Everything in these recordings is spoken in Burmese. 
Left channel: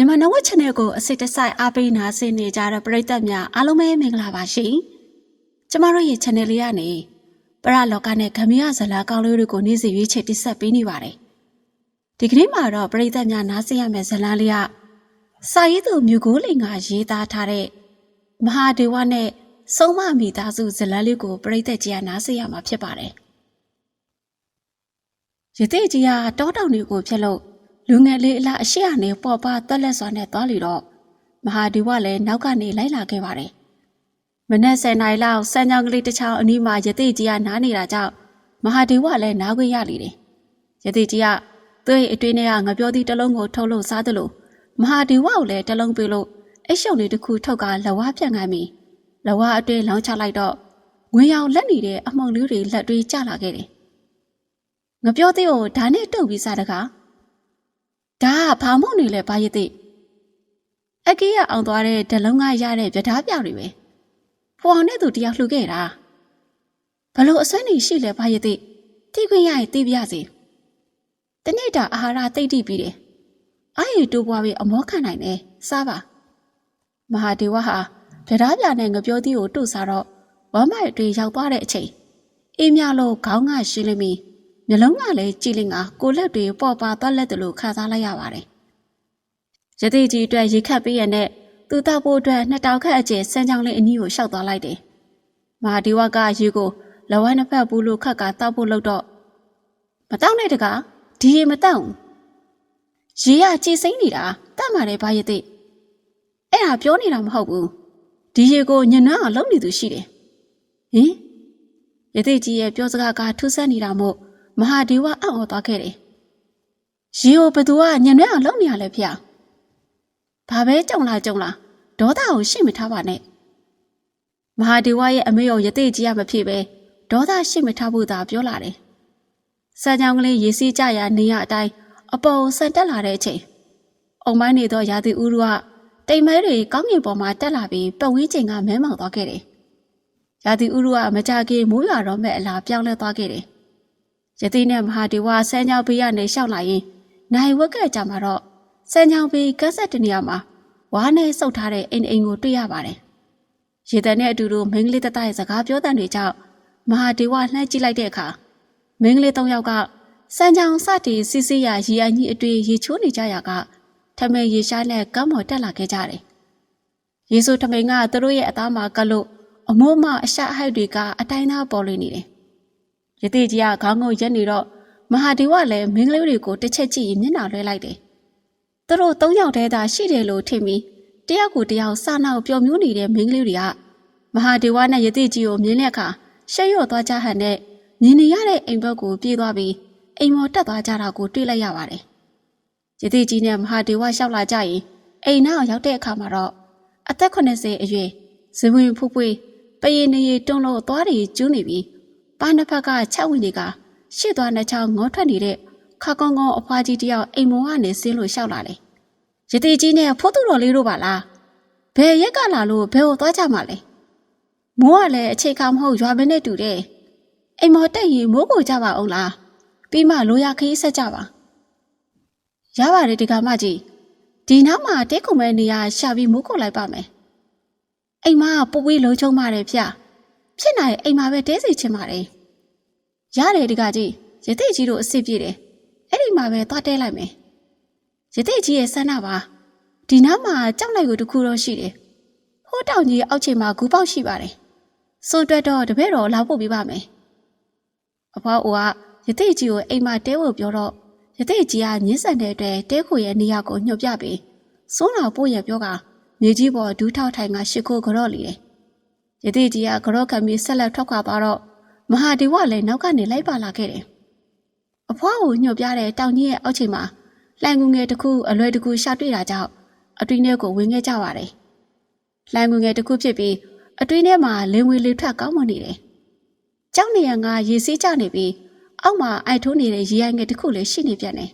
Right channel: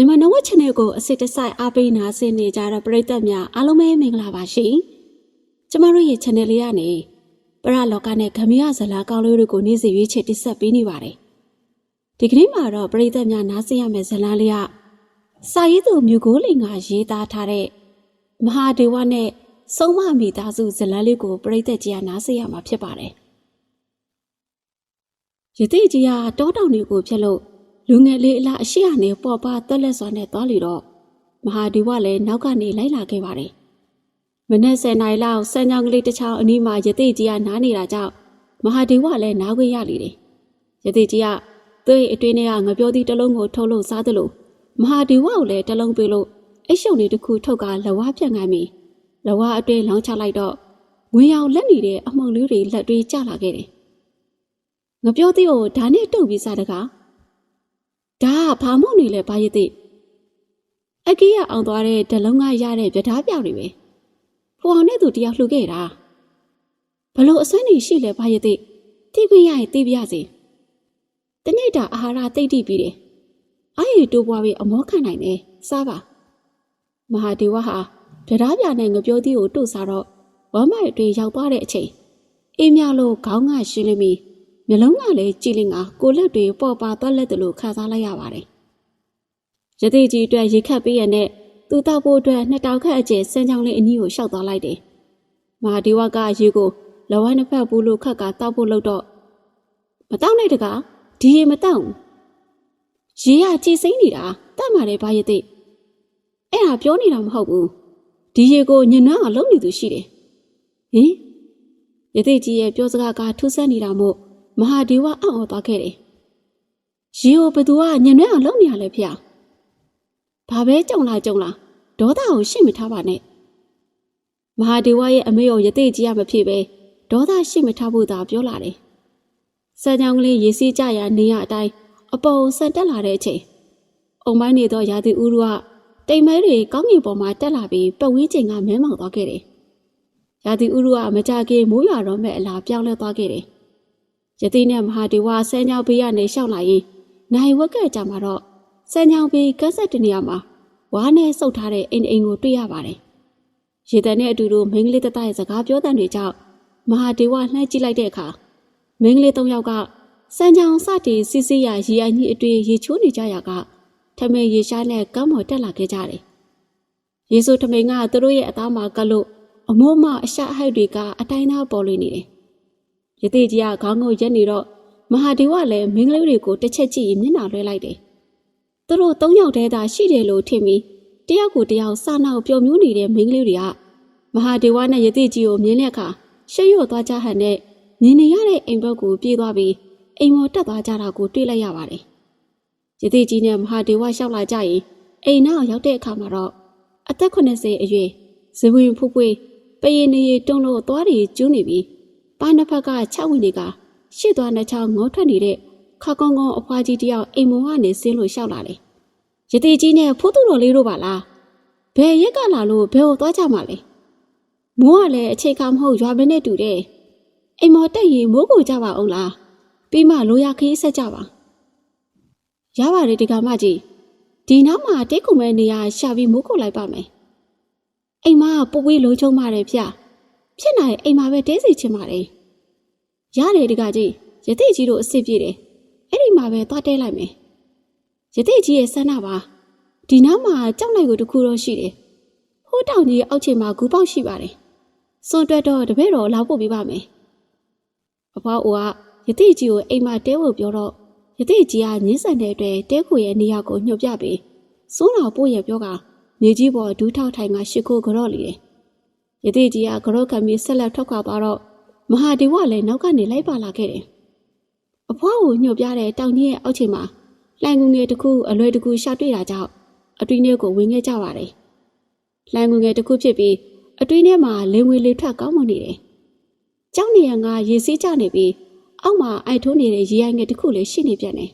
မြန်မာနဝက် channel ကိုအစစ်တစိုက်အားပေးနာဆင်နေကြတဲ့ပရိသတ်များအားလုံးပဲမင်္ဂလာပါရှင်။ကျမတို့ရဲ့ channel လေးကနေပရလောကနဲ့ဂမရဇလာကောင်းလေးတွေကိုနေ့စဉ်ရွေးချယ်တင်ဆက်ပေးနေပါတယ်။ဒီကနေ့မှာတော့ပရိသတ်များနားဆင်ရမယ့်ဇလာလေးကစာရေးသူမြူကိုလိန်ကရေးသားထားတဲ့မဟာဒေဝနဲ့ဆုံးမမိသားစုဇလန်းလေးကိုပရိသတ်ကြီးကနားဆင်ရမှာဖြစ်ပါတယ်။ရသေးကြီးကတောတောင်တွေကိုဖြတ်လို့ လူငယ်လေးအလားအရှိအနေပေါ်ပါတက်လက်စွာနဲ့သွားလီတော့မဟာဒီဝလည်းနောက်ကနေလိုက်လာခဲ့ပါတယ်။မနက်10နာရီလောက်စံကြောင်ကလေးတစ်ချောင်းအနီးမှာရသေးကြီးကနားနေတာကြောင့်မဟာဒီဝလည်းနားခွင့်ရလေတယ်။ရသေးကြီးကသူ့ရဲ့အတွင်းထဲကငပြောသည့်တစ်လုံးကိုထုတ်လို့စားသလိုမဟာဒီဝကိုလည်းတစ်လုံးပေးလို့အိတ်ရှုံလေးတစ်ခုထုတ်ကလဝါပြန့်ခိုင်းပြီးလဝါအတွင်းလောင်းချလိုက်တော့ငွေရောင်လက်နေတဲ့အမှုံလေးတွေလက်တွေကျလာခဲ့တယ်။ငပြောသည့်ကိုဓာနဲ့တုပ်ပြီးစားတကား ဒါကဘာမို့နေလဲဘာရသိအကေးရအောင်သွားတဲ့ဒလုံးကရတဲ့ပြဓားပြောက်တွေပဲဖွာအောင်နဲ့သူတယောက်လှူခဲ့တာဘလို့အစွမ်းနေရှိလဲဘာရသိတိခွင့်ရရင်သိပြရစီတနေ့တာအာဟာရသိတိပြီးတယ်အားရတိုးပွားပြီးအမောခံနိုင်တယ်စားပါမဟာဒေဝဟာပြဓားပြနဲ့ငပြောသီးကိုတို့စားတော့ဝမ်းမိုက်တွေရောက်သွားတဲ့အချိန်အေးမြလို့ခေါင်းကရှင်းလိမ့်မီ မျက်လုံးကလည်းကြည်လင်ကကိုလက်တွေပေါ်ပါသွားလက်တယ်လို့ခါစားလိုက်ရပါတယ်။ရသေးကြီးအတွက်ရေခတ်ပေးရတဲ့သူတောက်ဖို့အတွက်နှစ်တောင်ခတ်အကျယ်စမ်းချောင်းလေးအနီးကိုရှောက်သွားလိုက်တယ်။မဟာဒီဝကရေကိုလဝိုင်းနှစ်ဖက်ဘူးလို့ခတ်ကတောက်ဖို့လုပ်တော့မတောက်နဲ့တကားဒီရေမတောက်ဘူး။ရေကကြည်စိမ့်နေတာတတ်မှလည်းဘာရသေးအဲ့ဒါပြောနေတာမဟုတ်ဘူး။ဒီရေကိုညနွမ်းအောင်လုပ်နေသူရှိတယ်။ဟင်ရသေးကြီးရဲ့ပြောစကားကထူးဆန်းနေတာမို့ မဟာဒေဝအံ့ဩသွားခဲ့တယ်။ရီကိုဘသူကညံနှဲအောင်လုပ်နေရလဲဖေ။ဘာပဲကြုံလာကြုံလာဒေါသကိုရှင့်မထားပါနဲ့။မဟာဒေဝရဲ့အမေရောယသိကြီးရမဖြစ်ပဲဒေါသရှင့်မထားဖို့သာပြောလာတယ်။စံကြောင်ကလေးရေစီးကြရာနေရအတိုင်းအပေါ်ဆန်တက်လာတဲ့အချိန်အုံမိုင်းနေသောရာသီဥတုကတိမ်မဲတွေကောင်းကင်ပေါ်မှာတက်လာပြီးပဝေးချိန်ကမဲမောင်သွားခဲ့တယ်။ရာသီဥတုကမကြခင်မိုးရွာတော့မဲ့အလားပြောင်းလဲသွားခဲ့တယ်။ ရတိနဲ့မဟာဒေဝဆန်းချောင်းဘေးကနေရှောက်လာရင်နိုင်ဝက်ကကြမှာတော့ဆန်းချောင်းဘေးကန်းဆက်တနေရာမှာဝါးနဲ့စုပ်ထားတဲ့အိမ်အိမ်ကိုတွေ့ရပါတယ်။ရေတံနဲ့အတူတူမင်းကလေးတတရဲ့စကားပြောတဲ့တွေကြောင့်မဟာဒေဝလှမ်းကြည့်လိုက်တဲ့အခါမင်းကလေး၃ယောက်ကစန်းချောင်းစတီစီစီရရေအိုင်ကြီးအတွေ့ရေချိုးနေကြရကထမင်းရေရှားနဲ့ကမ်းမော်တက်လာခဲ့ကြတယ်။ယေဆုထမင်းကသူတို့ရဲ့အသားမှာကလို့အမိုးမအရှအဟိုက်တွေကအတိုင်းသားပေါ်လွင်နေတယ် ရသေးကြီးကခေါင်းငုံရက်နေတော့မဟာဒီဝလည်းမင်းကလေးတွေကိုတစ်ချက်ကြည့်ရင်မျက်နှာလွှဲလိုက်တယ်။သူတို့၃ယောက်တည်းသာရှိတယ်လို့ထင်ပြီးတယောက်ကိုတယောက်စနောက်ပျော်မြူးနေတဲ့မင်းကလေးတွေကမဟာဒီဝနဲ့ရသေးကြီးကိုမြင်တဲ့အခါရှက်ရွံ့သွားကြဟန်နဲ့မြင်နေရတဲ့အိမ်ဘက်ကိုပြေးသွားပြီးအိမ်မော်တက်သွားကြတာကိုတွေ့လိုက်ရပါတယ်။ရသေးကြီးနဲ့မဟာဒီဝလျှောက်လာကြရင်အိမ်နောက်ရောက်တဲ့အခါမှာတော့အသက်80အရွယ်ဇဝင်ဖူးဖွေးပရင်နေရီတွန်းလို့သွားတွေကျူးနေပြီး ပါနှစ်ဖက်က၆ဝင်တွေကရှစ်သွားနှစ်ချောင်းငေါထွက်နေတဲ့ခါကုန်းကုန်းအဖွားကြီးတယောက်အိမ်မောကနေဆင်းလို့ရှောက်လာတယ်။ရတိကြီးနဲ့ဖိုးသူတော်လေးတို့ပါလား။ဘယ်ရက်ကလာလို့ဘယ်ကိုသွားကြမှာလဲ။မိုးကလည်းအခြေခံမဟုတ်ရွာမနဲ့တူတယ်။အိမ်မောတက်ရင်မိုးကိုကြပါအောင်လား။ပြီးမှလိုရခီးဆက်ကြပါ။ရပါတယ်ဒီကမကြီး။ဒီနောက်မှာတဲခုံမဲ့နေရရှာပြီးမိုးကိုလိုက်ပါမယ်။အိမ်မကပူပြီးလုံးချုံပါတယ်ဗျ။ ဖြစ်နိုင်အိမ်မှာပဲတဲစီချင်ပါတယ်ရတယ်ဒီကကြီးရတိကြီးတို့အစ်စ်ပြည့်တယ်အဲ့ဒီမှာပဲသွားတဲလိုက်မယ်ရတိကြီးရဲ့ဆန္ဒပါဒီနားမှာကြောက်လိုက်ကိုတခုတော့ရှိတယ်ဟိုးတောင်ကြီးအောက်ခြေမှာဂူပေါက်ရှိပါတယ်စွန်တွက်တော့တပည့်တော်လာဖို့ပြပါမယ်အဖွားအိုကရတိကြီးကိုအိမ်မှာတဲဖို့ပြောတော့ရတိကြီးကညှင်းဆန်တဲ့အတွက်တဲခိုရဲ့နေရာကိုညှို့ပြပြီးစိုးတော်ပို့ရပြောကမြေကြီးပေါ်ဒူးထောက်ထိုင်ကရှစ်ခိုးကြော့လေတယ် ရတိကြီးကကြောခံပြီးဆက်လက်ထွက်ခွာသွားတော့မဟာဒီဝလည်းနောက်ကနေလိုက်ပါလာခဲ့တယ်။အဖွားကိုညှို့ပြတဲ့တောင်ကြီးရဲ့အောက်ခြေမှာလှိုင်ငူငယ်တစ်ခုအလွယ်တကူရှာတွေ့တာကြောင့်အတွင်းထဲကိုဝင်ခဲ့ကြပါတယ်။လှိုင်ငူငယ်တစ်ခုဖြစ်ပြီးအတွင်းထဲမှာလင်းဝေးလေးထွက်ကောင်းမွန်နေတယ်။ကျောင်းနေရကရေစီးကျနေပြီးအောက်မှာအိုက်ထိုးနေတဲ့ရေအိုင်ငယ်တစ်ခုလည်းရှိနေပြန်တယ်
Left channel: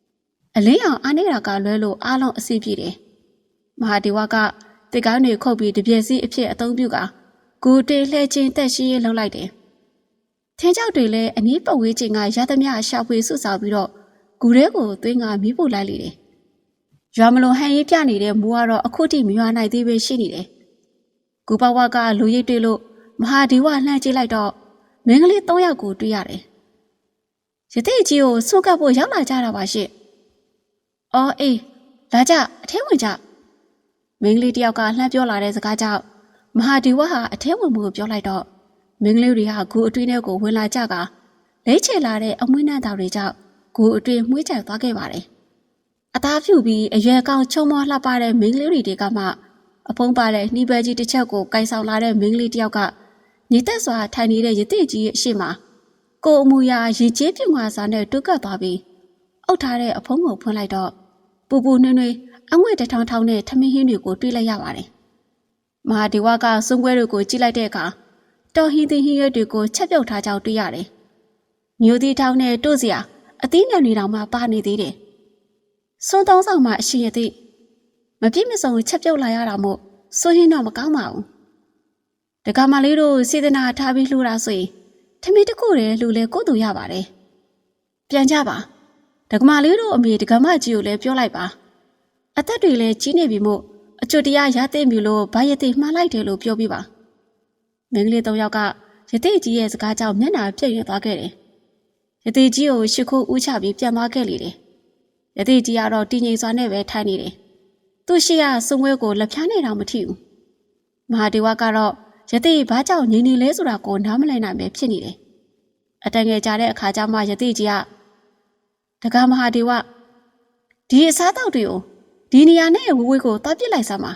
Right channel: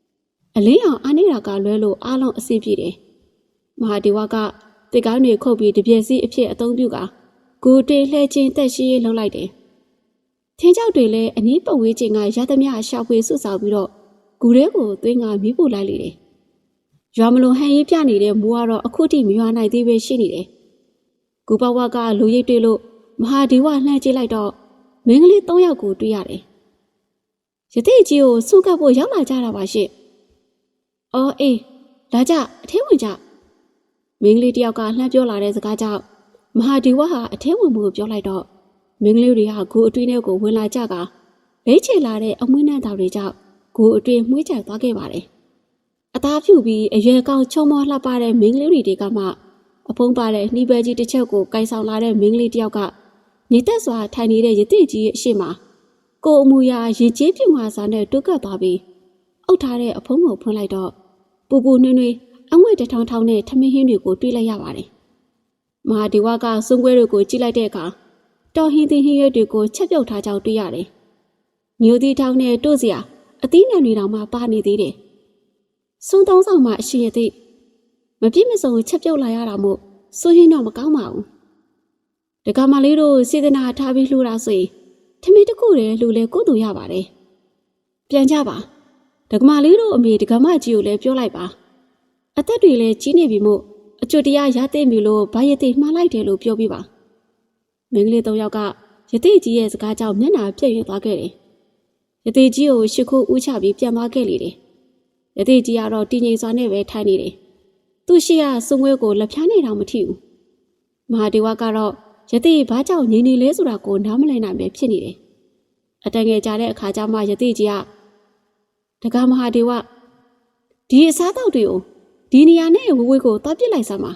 ။အလင်းအောင်အားနေတာကလွဲလို့အားလုံးအဆင်ပြေတယ်။မဟာဒီဝကတစ်ကောင်းတွေခုတ်ပြီးတပြည့်စီအဖြစ်အသုံးပြုက ဂူတေလှဲချင်းတက်ရှိရေးလှုပ်လိုက်တယ်။ထင်းကြောက်တွေလည်းအနီးပတ်ဝေးချင်းကရသမျှရှာဖွေစုဆောက်ပြီးတော့ဂူထဲကိုသွင်းကမီးပို့လိုက်လေတယ်ရွာမလို့ဟန်ရေးပြနေတဲ့မူကတော့အခုထိမရွာနိုင်သေးပဲရှိနေတယ်။ကူပဝါကလူရိပ်တွေ့လို့မဟာဒီဝလှမ်းကြည့်လိုက်တော့မင်းကလေး၃ယောက်ကိုတွေ့ရတယ်။ရသေးကြီးကိုစွန့်ကပ်ဖို့ရောက်လာကြတာပါရှင့်။အော်အေးလာကြအထဲဝင်ကြမင်းကလေးတယောက်ကလှမ်းပြောလာတဲ့စကားကြောင့် မဟာဒီဝဟာအထဲဝင်မှုကိုပြောလိုက်တော့မင်းကလေးတွေကဂူအတွင်းထဲကိုဝင်လာကြကလိမ့်ချေလာတဲ့အမွှေးနှံတော်တွေကြောင့်ဂူအတွင်းမှုကြသွားခဲ့ပါတယ်။အသားဖြူပြီးအရွယ်ကောင်းချုံမောလှပတဲ့မင်းကလေးတွေကမှအဖုံးပါတဲ့နှီးပဲကြီးတစ်ချက်ကိုကိုင်ဆောင်လာတဲ့မင်းကလေးတယောက်ကညီသက်စွာထိုင်နေတဲ့ရတိကြီးရဲ့အရှိမကိုအမူအရာရေကြီးပြုံမာစာနဲ့တွတ်ကပ်သွားပြီးအုပ်ထားတဲ့အဖုံးကိုဖွင့်လိုက်တော့ပူပူနွေ့နွေ့အငွေ့တထောင်ထောင်နဲ့ထမင်းဟင်းတွေကိုတွေးလိုက်ရပါတယ်။ မဟာဒီဝကစွန်ခွဲတို့ကိုကြည့်လိုက်တဲ့အခါတော်ဟင်းသီးဟင်းရွက်တွေကိုချက်ပြုတ်ထားကြောင်းတွေ့ရတယ်။မျိုးသီးထောင်နဲ့တို့စရာအသီးနှံတွေတောင်မှပါနေသေးတယ်။စွန်သုံးဆောင်မှအရှင်ရသည့်မပြည့်မစုံချက်ပြုတ်လာရတာမို့စိုးရင်တော့မကောင်းပါဘူး။ဒကမလေးတို့စေတနာထားပြီးလှူတာဆိုရင်ထမင်းတစ်ခုတည်းလှူလဲကိုယ်တူရပါတယ်။ပြန်ကြပါ။ဒကမလေးတို့အမေဒကမကြီးကိုလည်းပြောလိုက်ပါ။အသက်တွေလည်းကြီးနေပြီမို့ အကျွတ်တရားရသိပြီလို့ဘာရသိမှားလိုက်တယ်လို့ပြောပြပါ။မင်းကလေးသုံးယောက်ကရသိကြီးရဲ့စကားကြောင့်မျက်နှာပြည့်ရွံ့သွားခဲ့တယ်။ရသိကြီးကိုရှ िख ိုးဦးချပြီးပြန်သွားခဲ့လေတယ်။ရသိကြီးကတော့တည်ငြိမ်စွာနဲ့ပဲထိုင်နေတယ်။သူ့ရှိရစုံဝဲကိုလက်ဖြားနေတော့မထီဘူး။မဟာဒေဝကတော့ရသိဘာကြောင့်ငြိမ်နေလဲဆိုတာကိုနားမလည်နိုင်ပဲဖြစ်နေတယ်။အတန်ငယ်ကြတဲ့အခါကျမှရသိကြီးကတက္ကမဟာဒေဝဒီအစားတောက်တွေကို ဒီနေရာနဲ့ဝဝေးကိုသွားပြစ်လိုက်စမ်းပါ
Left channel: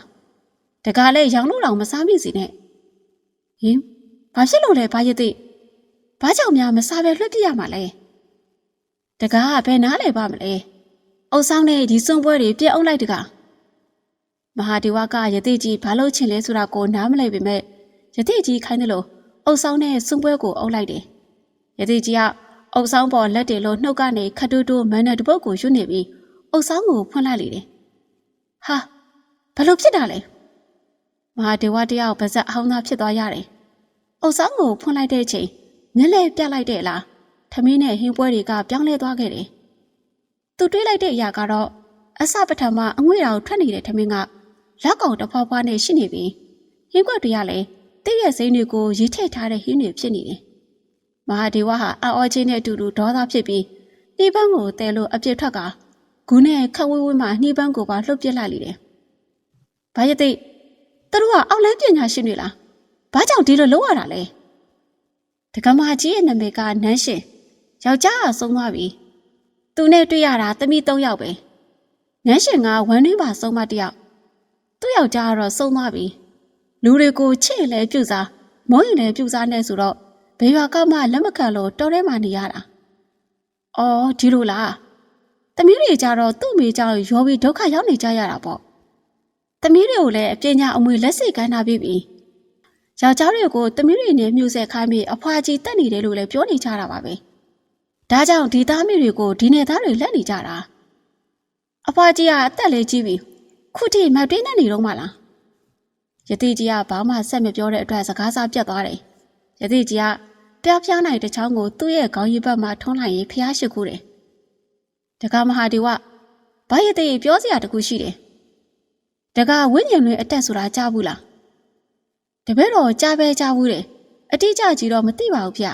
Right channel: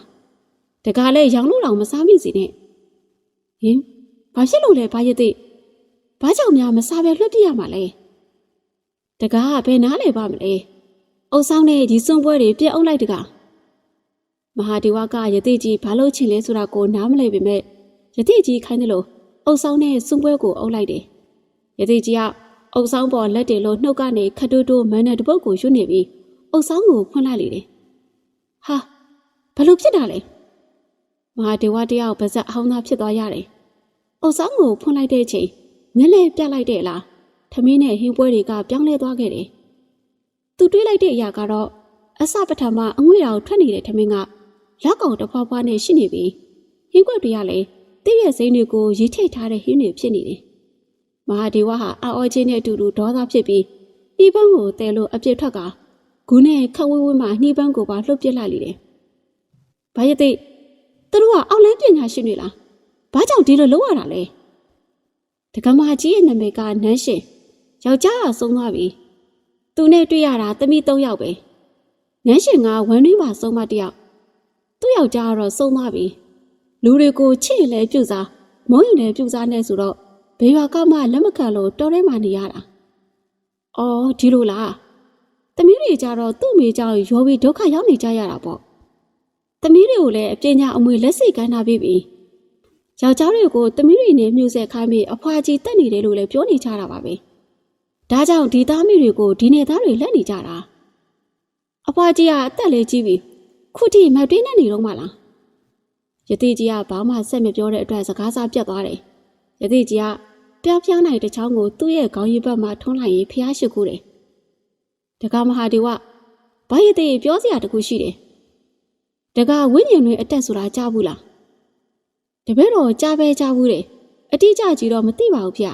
တကားလဲရောင်လို့တောင်မစားမိစီနဲ့ဟင်ဘာဖြစ်လို့လဲဘာရသိဘာကြောင့်များမစားပဲလွှတ်ပြရမှာလဲတကားကဘယ်နားလဲပါမလဲအုပ်ဆောင်နဲ့ဒီစွန့်ပွဲတွေပြက်အောင်လိုက်တကားမဟာဒီဝကယသိကြီးဘာလို့ချင်လဲဆိုတာကိုနားမလဲပေမဲ့ယသိကြီးခိုင်းတယ်လို့အုပ်ဆောင်နဲ့စွန့်ပွဲကိုအုပ်လိုက်တယ်ယသိကြီးကအုပ်ဆောင်ပေါ်လက်တွေလို့နှုတ်ကနေခတ်တူးတူးမန်းတဲ့တပုတ်ကိုရွတ်နေပြီးအုပ်ဆောင်ကိုဖွင့်လိုက်လေတယ် ဟာဘလို့ဖြစ်တာလဲမဟာဒေဝတရားကိုပါဇက်အောင်သားဖြစ်သွားရတယ်။အုပ်ဆောင်ကိုဖွင့်လိုက်တဲ့အချိန်မျက်လဲပြလိုက်တဲ့လားထမင်းနဲ့ဟင်းပွဲတွေကပြောင်းလဲသွားခဲ့တယ်။သူတွေးလိုက်တဲ့အရာကတော့အစပထမအငွေ့တော်ထွက်နေတဲ့ထမင်းကလက်ကောင်တစ်ဖွားဖွားနဲ့ရှိနေပြီးဟင်းကွက်တွေကလည်းတည့်ရဲ့စိမ်းတွေကိုရီထိတ်ထားတဲ့ဟင်းတွေဖြစ်နေတယ်။မဟာဒေဝဟာအော်ချင်းနဲ့အတူတူဒေါသဖြစ်ပြီးနှီးပန်းကိုတဲလို့အပြစ်ထွက်က ဂူနဲ့ခက်ဝဲဝဲမှနှီးပန်းကိုပါလှုပ်ပစ်လိုက်လေတယ်။ဘာရသိသူတို့ကအောက်လန်းပညာရှင်တွေလား။ဘာကြောင့်ဒီလိုလုပ်ရတာလဲ။ဒကမာကြီးရဲ့နာမည်ကနန်းရှင်။ယောက်ျားကဆုံးသွားပြီ။သူနဲ့တွေ့ရတာသမီး၃ယောက်ပဲ။နန်းရှင်ကဝမ်းတွင်းပါဆုံးမတစ်ယောက်။သူ့ယောက်ျားကတော့ဆုံးသွားပြီ။လူတွေကိုချစ်ရင်လည်းပြုစားမုန်းရင်လည်းပြုစားနေဆိုတော့ဘယ်ရွာကမှလက်မခံလို့တော်ထဲမှာနေရတာ။အော်ဒီလိုလား။ သမီးတွေကြတော့သူ့မိကြောင့်ရောပြီးဒုက္ခရောက်နေကြရတာပေါ့။သမီးတွေကိုလည်းအပညာအမွေလက်စိတ်ကမ်းထားပြီးပြီ။ယောက်ျားတွေကိုသမီးတွေနဲ့မြှုပ်ဆက်ခိုင်းပြီးအဖွာကြီးတက်နေတယ်လို့လည်းပြောနေကြတာပါပဲ။ဒါကြောင့်ဒီသားမိတွေကိုဒီနယ်သားတွေလက်နေကြတာ။အဖွာကြီးကအသက်လေးကြီးပြီ။ခုထိမတွင်းနေနေတော့မှလား။ယတိကြီးကဘာမှဆက်မပြောတဲ့အတွက်စကားစားပြတ်သွားတယ်။ယတိကြီးကပြားပြားနိုင်တဲ့ချောင်းကိုသူ့ရဲ့ခေါင်းရည်ဘက်မှာထုံးလိုက်ရင်ဖျားရှိခိုးတယ်။ တက္ကမဟာဒီဝဘာရတဲ့ပြောစရာတခုရှိတယ်။တက္ကဝိညာဉ်တွေအတက်ဆိုတာကြားဘူးလား။တပည့်တော်ကြားပဲကြားဘူးတယ်။အတိအကျကြီးတော့မသိပါဘူးဗျ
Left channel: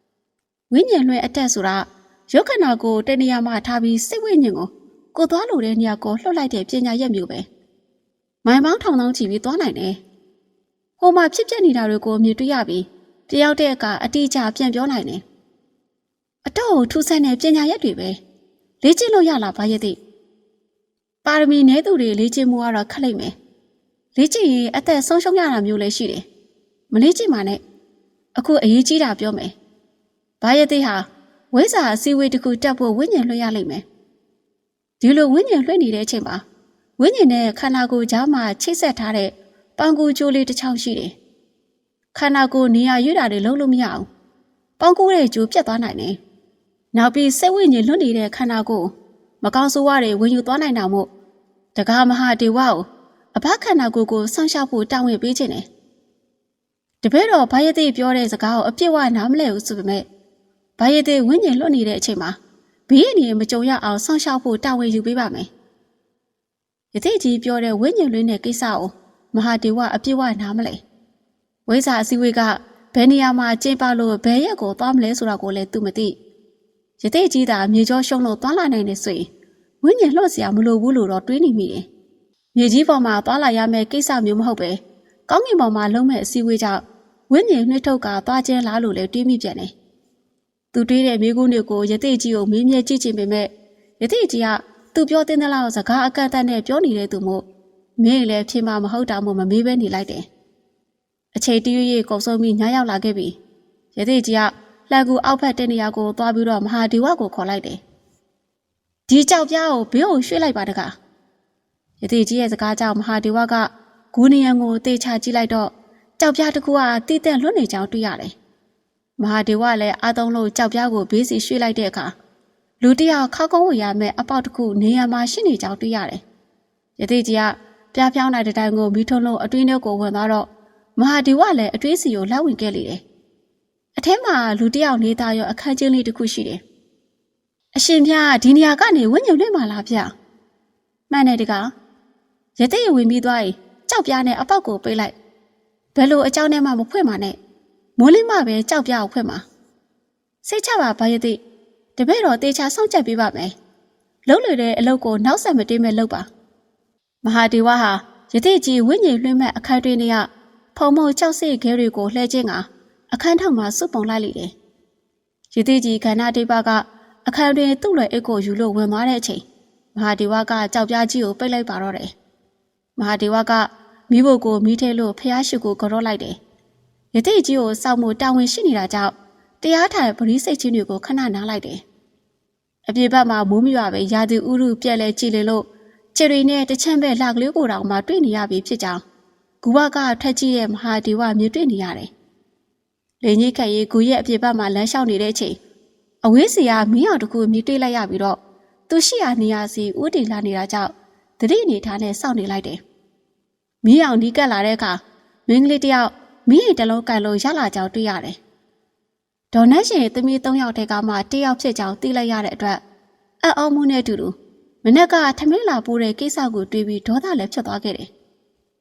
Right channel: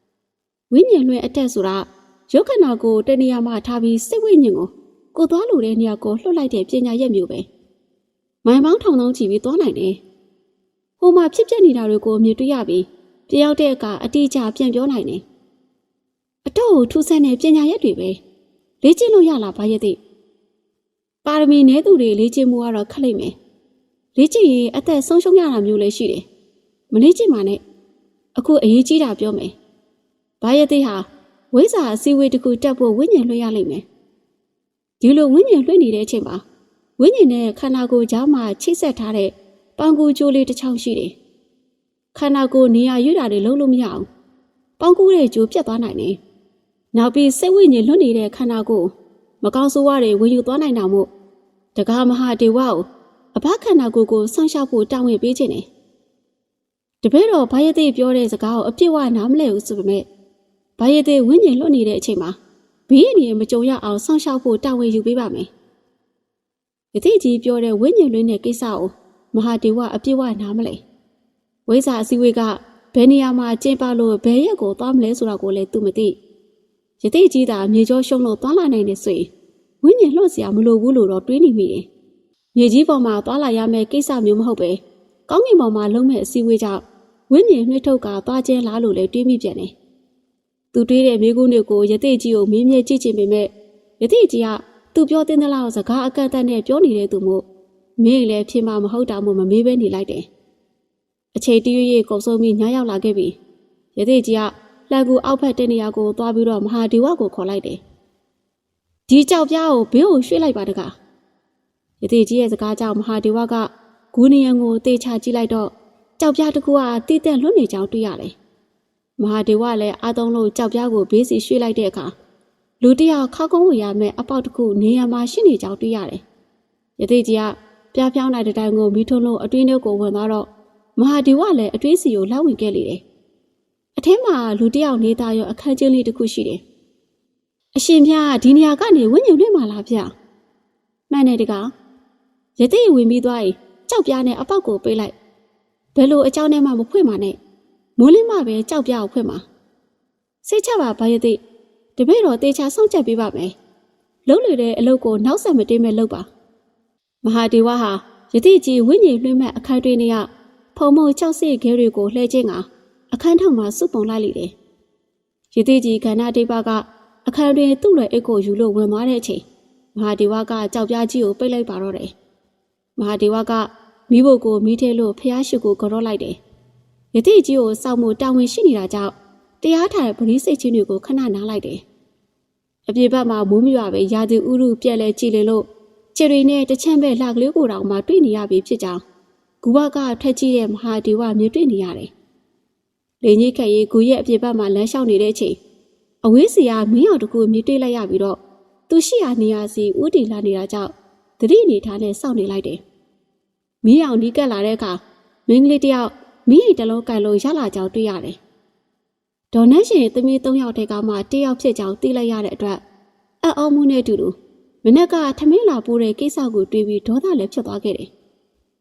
။ဝိညာဉ်လွှဲအတက်ဆိုတာရုပ်ခန္ဓာကိုတနေရာမှာထားပြီးစိတ်ဝိညာဉ်ကိုကိုသွားလို့တဲ့နေရာကိုလှုပ်လိုက်တဲ့ပညာရက်မျိုးပဲ။မိုင်ပေါင်းထောင်ထောင်ချီပြီးသွားနိုင်တယ်။ဟိုမှာဖြစ်ပျက်နေတာတွေကိုမြင်တွေ့ရပြီးတယောက်တည်းကအတိအကျပြန်ပြောနိုင်တယ်။အတော့ထူးဆန်းတဲ့ပညာရက်တွေပဲ။ လေ့ကျင့်လို့ရလားဘာရဲ့သိပါရမီနည်းသူတွေလေ့ကျင့်မှုကတော့ခက်လိမ့်မယ်လေ့ကျင့်ရင်အသက်ဆုံးရှုံးရတာမျိုးလည်းရှိတယ်မလေ့ကျင့်ပါနဲ့အခုအရေးကြီးတာပြောမယ်ဘာရဲ့သိဟာဝိဇ္ဇာအစည်းအဝေးတစ်ခုတက်ဖို့ဝိညာဉ်လွှဲရလိမ့်မယ်ဒီလိုဝိညာဉ်လွှဲနေတဲ့အချိန်မှာဝိညာဉ်နဲ့ခန္ဓာကိုယ်ကြားမှာချိတ်ဆက်ထားတဲ့ပန်းကူကြိုးလေးတစ်ချောင်းရှိတယ်ခန္ဓာကိုယ်နေရာရွတာတွေလုံးလို့မရအောင်ပန်းကူတဲ့ကြိုးပြတ်သွားနိုင်တယ် နောက်ပြီးစိတ်ဝိညာဉ်လွတ်နေတဲ့ခန္ဓာကိုယ်မကောင်းဆိုးဝါးတွေဝင်ယူသွားနိုင်တာမို့တကားမဟာဒေဝကိုအဘခန္ဓာကိုယ်ကိုဆောင်းရှောက်ဖို့တောင်းဝင်ပေးခြင်းတယ်တပည့်တော်ဘာယတိပြောတဲ့စကားကိုအပြစ်ဝနားမလဲဘူးဆိုပေမဲ့ဘာယတိဝိညာဉ်လွတ်နေတဲ့အချိန်မှာဘေးအနေနဲ့မကြုံရအောင်ဆောင်းရှောက်ဖို့တောင်းဝင်ယူပေးပါမယ်ယသိကြီးပြောတဲ့ဝိညာဉ်လွင်းတဲ့ကိစ္စကိုမဟာဒေဝအပြည့်ဝနားမလဲဝိဇ္ဇာအစည်းအဝေးကဘယ်နေရာမှာကျင်းပလို့ဘယ်ရက်ကိုသွားမလဲဆိုတာကိုလည်းသူမသိ ရတိကြီးသာမြေကျောရှုံလို့သွားလာနိုင်တယ်ဆိုရင်ဝိညာဉ်လှော့စရာမလိုဘူးလို့တော့တွေးနေမိတယ်။မြေကြီးပေါ်မှာသွားလာရမယ့်ကိစ္စမျိုးမဟုတ်ပဲကောင်းကင်ပေါ်မှာလုံးမဲ့အစည်းအဝေးကြောင့်ဝိညာဉ်နှစ်ထုတ်ကသွားကျဲလားလို့လည်းတွေးမိပြန်တယ်။သူတွေးတဲ့မိကုန်းတွေကိုရတိကြီးကိုမင်းမြဲကြည့်ချင်ပေမဲ့ရတိကြီးကသူပြောတင်သလားစကားအကန့်အသတ်နဲ့ပြောနေတဲ့သူမို့မင်းလည်းဖြစ်မှာမဟုတ်တာမို့မမေးပဲနေလိုက်တယ်။အချိန်တရွေ့ရွေ့ကုန်ဆုံးပြီးညရောက်လာခဲ့ပြီ။ရတိကြီးက လှန်ကူအောက်ဖက်တဲ့နေရာကိုသွားပြီးတော့မဟာဒီဝကိုခေါ်လိုက်တယ်ဒီကြောက်ပြားကိုဘေးကိုရွှေ့လိုက်ပါတကားယသိကြီးရဲ့စကားကြောင့်မဟာဒီဝကဂူနီယံကိုတေချာကြည့်လိုက်တော့ကြောက်ပြားတစ်ခုကတီးတဲ့လွတ်နေကြောင်တွေ့ရတယ်မဟာဒီဝလည်းအာသုံးလို့ကြောက်ပြားကိုဘေးစီရွှေ့လိုက်တဲ့အခါလူတစ်ယောက်ခောက်ကုန်းဝင်ရမယ့်အပေါက်တစ်ခုနေရာမှာရှိနေကြောင်တွေ့ရတယ်ယသိကြီးကပြားပြောင်းတဲ့တိုင်ကိုမီးထွန်းလို့အတွင်းထဲကိုဝင်သွားတော့မဟာဒီဝလည်းအတွင်းစီကိုလောက်ဝင်ခဲ့လေတယ် အထဲမှာလူတစ်ယောက်နေသားရောအခန်းချင်းလေးတစ်ခုရှိတယ်အရှင်ပြဒီနေရာကနေဝိညာဉ်လွင့်มาလားဗျမှန်တယ်တကားယသိဝင်ပြီးသွားရင်ကြောက်ပြားနဲ့အပေါက်ကိုပေးလိုက်ဘယ်လိုအကြောင်းနဲ့မှမဖွင့်ပါနဲ့မိုးလင်းမှပဲကြောက်ပြားကိုဖွင့်ပါစိတ်ချပါဘာယသိတပည့်တော်တေချာစောင့်ကြပ်ပေးပါမယ်လုံးလွေတဲ့အလုပ်ကိုနောက်ဆက်မတင်းမဲ့လုပ်ပါမဟာဒေဝဟာယသိကြီးဝိညာဉ်လွှင့်မဲ့အခန်းတွင်တွေကဖုံမုံကြောက်စိခဲတွေကိုလှဲခြင်းက အခန်းထောက်မှာစုပုံလိုက်လိမ့်တယ်ယသိကြီးကန္နာဒေဝကအခန်းတွင်သူ့လွယ်အိတ်ကိုယူလို့ဝင်သွားတဲ့အချိန်မဟာဒေဝကကြောက်ပြားကြီးကိုပိတ်လိုက်ပါတော့တယ်မဟာဒေဝကမိဖို့ကိုမိထဲလို့ဖျားရှိကိုကြော့လိုက်တယ်။ယသိကြီးကိုစောက်မှုတာဝန်ရှိနေတာကြောင့်တရားထိုင်ပရိစိတ်ချင်းတွေကိုခဏနားလိုက်တယ်။အပြေဘက်မှာမိုးမရွာပဲရာသီဥတုပြက်လဲကြည်လေလို့ခြေတွေနဲ့တချမ်းပဲလှကလေးကိုတောင်မှတွေ့နေရပြီဖြစ်ကြောင်းဂူဝကထက်ကြီးတဲ့မဟာဒေဝမြင်တွေ့နေရတယ်။ လေကြီးခက်ရေးဂူရဲ့အပြေဘက်မှာလမ်းလျှောက်နေတဲ့အချိန်အဝေးစီကမင်းအောင်တစ်ခုမြင်တွေ့လိုက်ရပြီးတော့သူရှိရာနေရာစီဥတီလာနေတာကြောင့်သတိအနေထားနဲ့စောင့်နေလိုက်တယ်။မီးအောင်နီးကပ်လာတဲ့အခါမင်းကလေးတယောက်မီးအိမ်တစ်လုံးကန်လို့ရလာကြောင်တွေ့ရတယ်။ဒေါ်နတ်ရှင်သမီး၃ယောက်တည်းကမှတယောက်ဖြစ်ကြောင်သိလိုက်ရတဲ့အတွက်အံ့ဩမှုနဲ့အတူတူမနက်ကထမင်းလာပိုးတဲ့ကိစ္စကိုတွေးပြီးဒေါသလည်းဖြစ်သွားခဲ့တယ်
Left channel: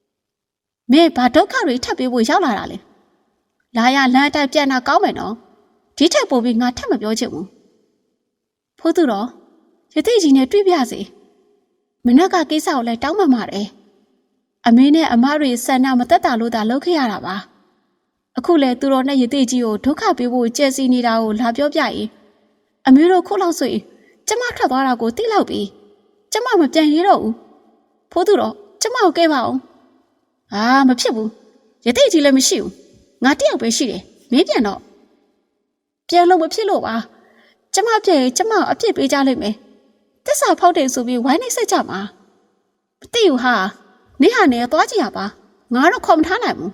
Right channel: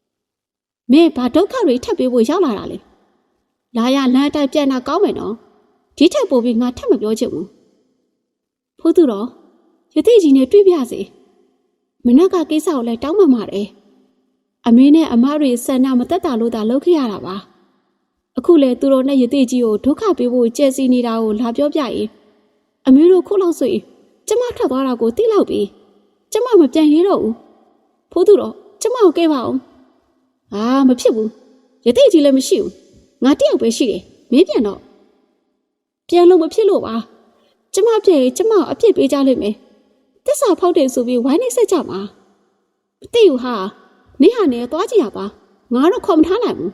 ။မင်းဘာဒုက္ခတွေထပ်ပေးဖို့ရောက်လာတာလဲ။ လာရလမ်းအတိုင်းပြန်တာကောင်းမယ်နော်။ဒီထက်ပိုပြီးငါထပ်မပြောချင်ဘူး။ဖိုးသူတော်ရတိကြီးနဲ့တွေ့ပြစေ။မနက်ကကိစ္စကိုလည်းတောင်းပန်ပါတယ်။အမင်းနဲ့အမတွေဆန္ဒမသက်တာလို့သာလုပ်ခဲ့ရတာပါအခုလေသူတော်နဲ့ယသိကြီးကိုဒုက္ခပေးဖို့ကြက်စီနေတာကိုလာပြောပြရင်အမျိုးတို့ခုလောက်ဆိုရင်ကျမထွက်သွားတာကိုသိလောက်ပြီကျမမပြန်ရတော့ဘူးဖိုးသူတော်ကျမကိုကဲပါအောင်အာမဖြစ်ဘူးယသိကြီးလည်းမရှိဘူး ငါတယောက်ပဲရှိတယ်မင်းပြန်တော့ပြန်လို့မဖြစ်လို့ပါကျမပြန်ရင်ကျမအပြစ်ပေးကြလိမ့်မယ်တစ္ဆာဖောက်တယ်ဆိုပြီးဝိုင်းနေဆက်ကြမှာမသိဘူးဟာနေဟာနဲ့သွားကြည့်ရပါငါတော့ခေါ်မထားနိုင်ဘူး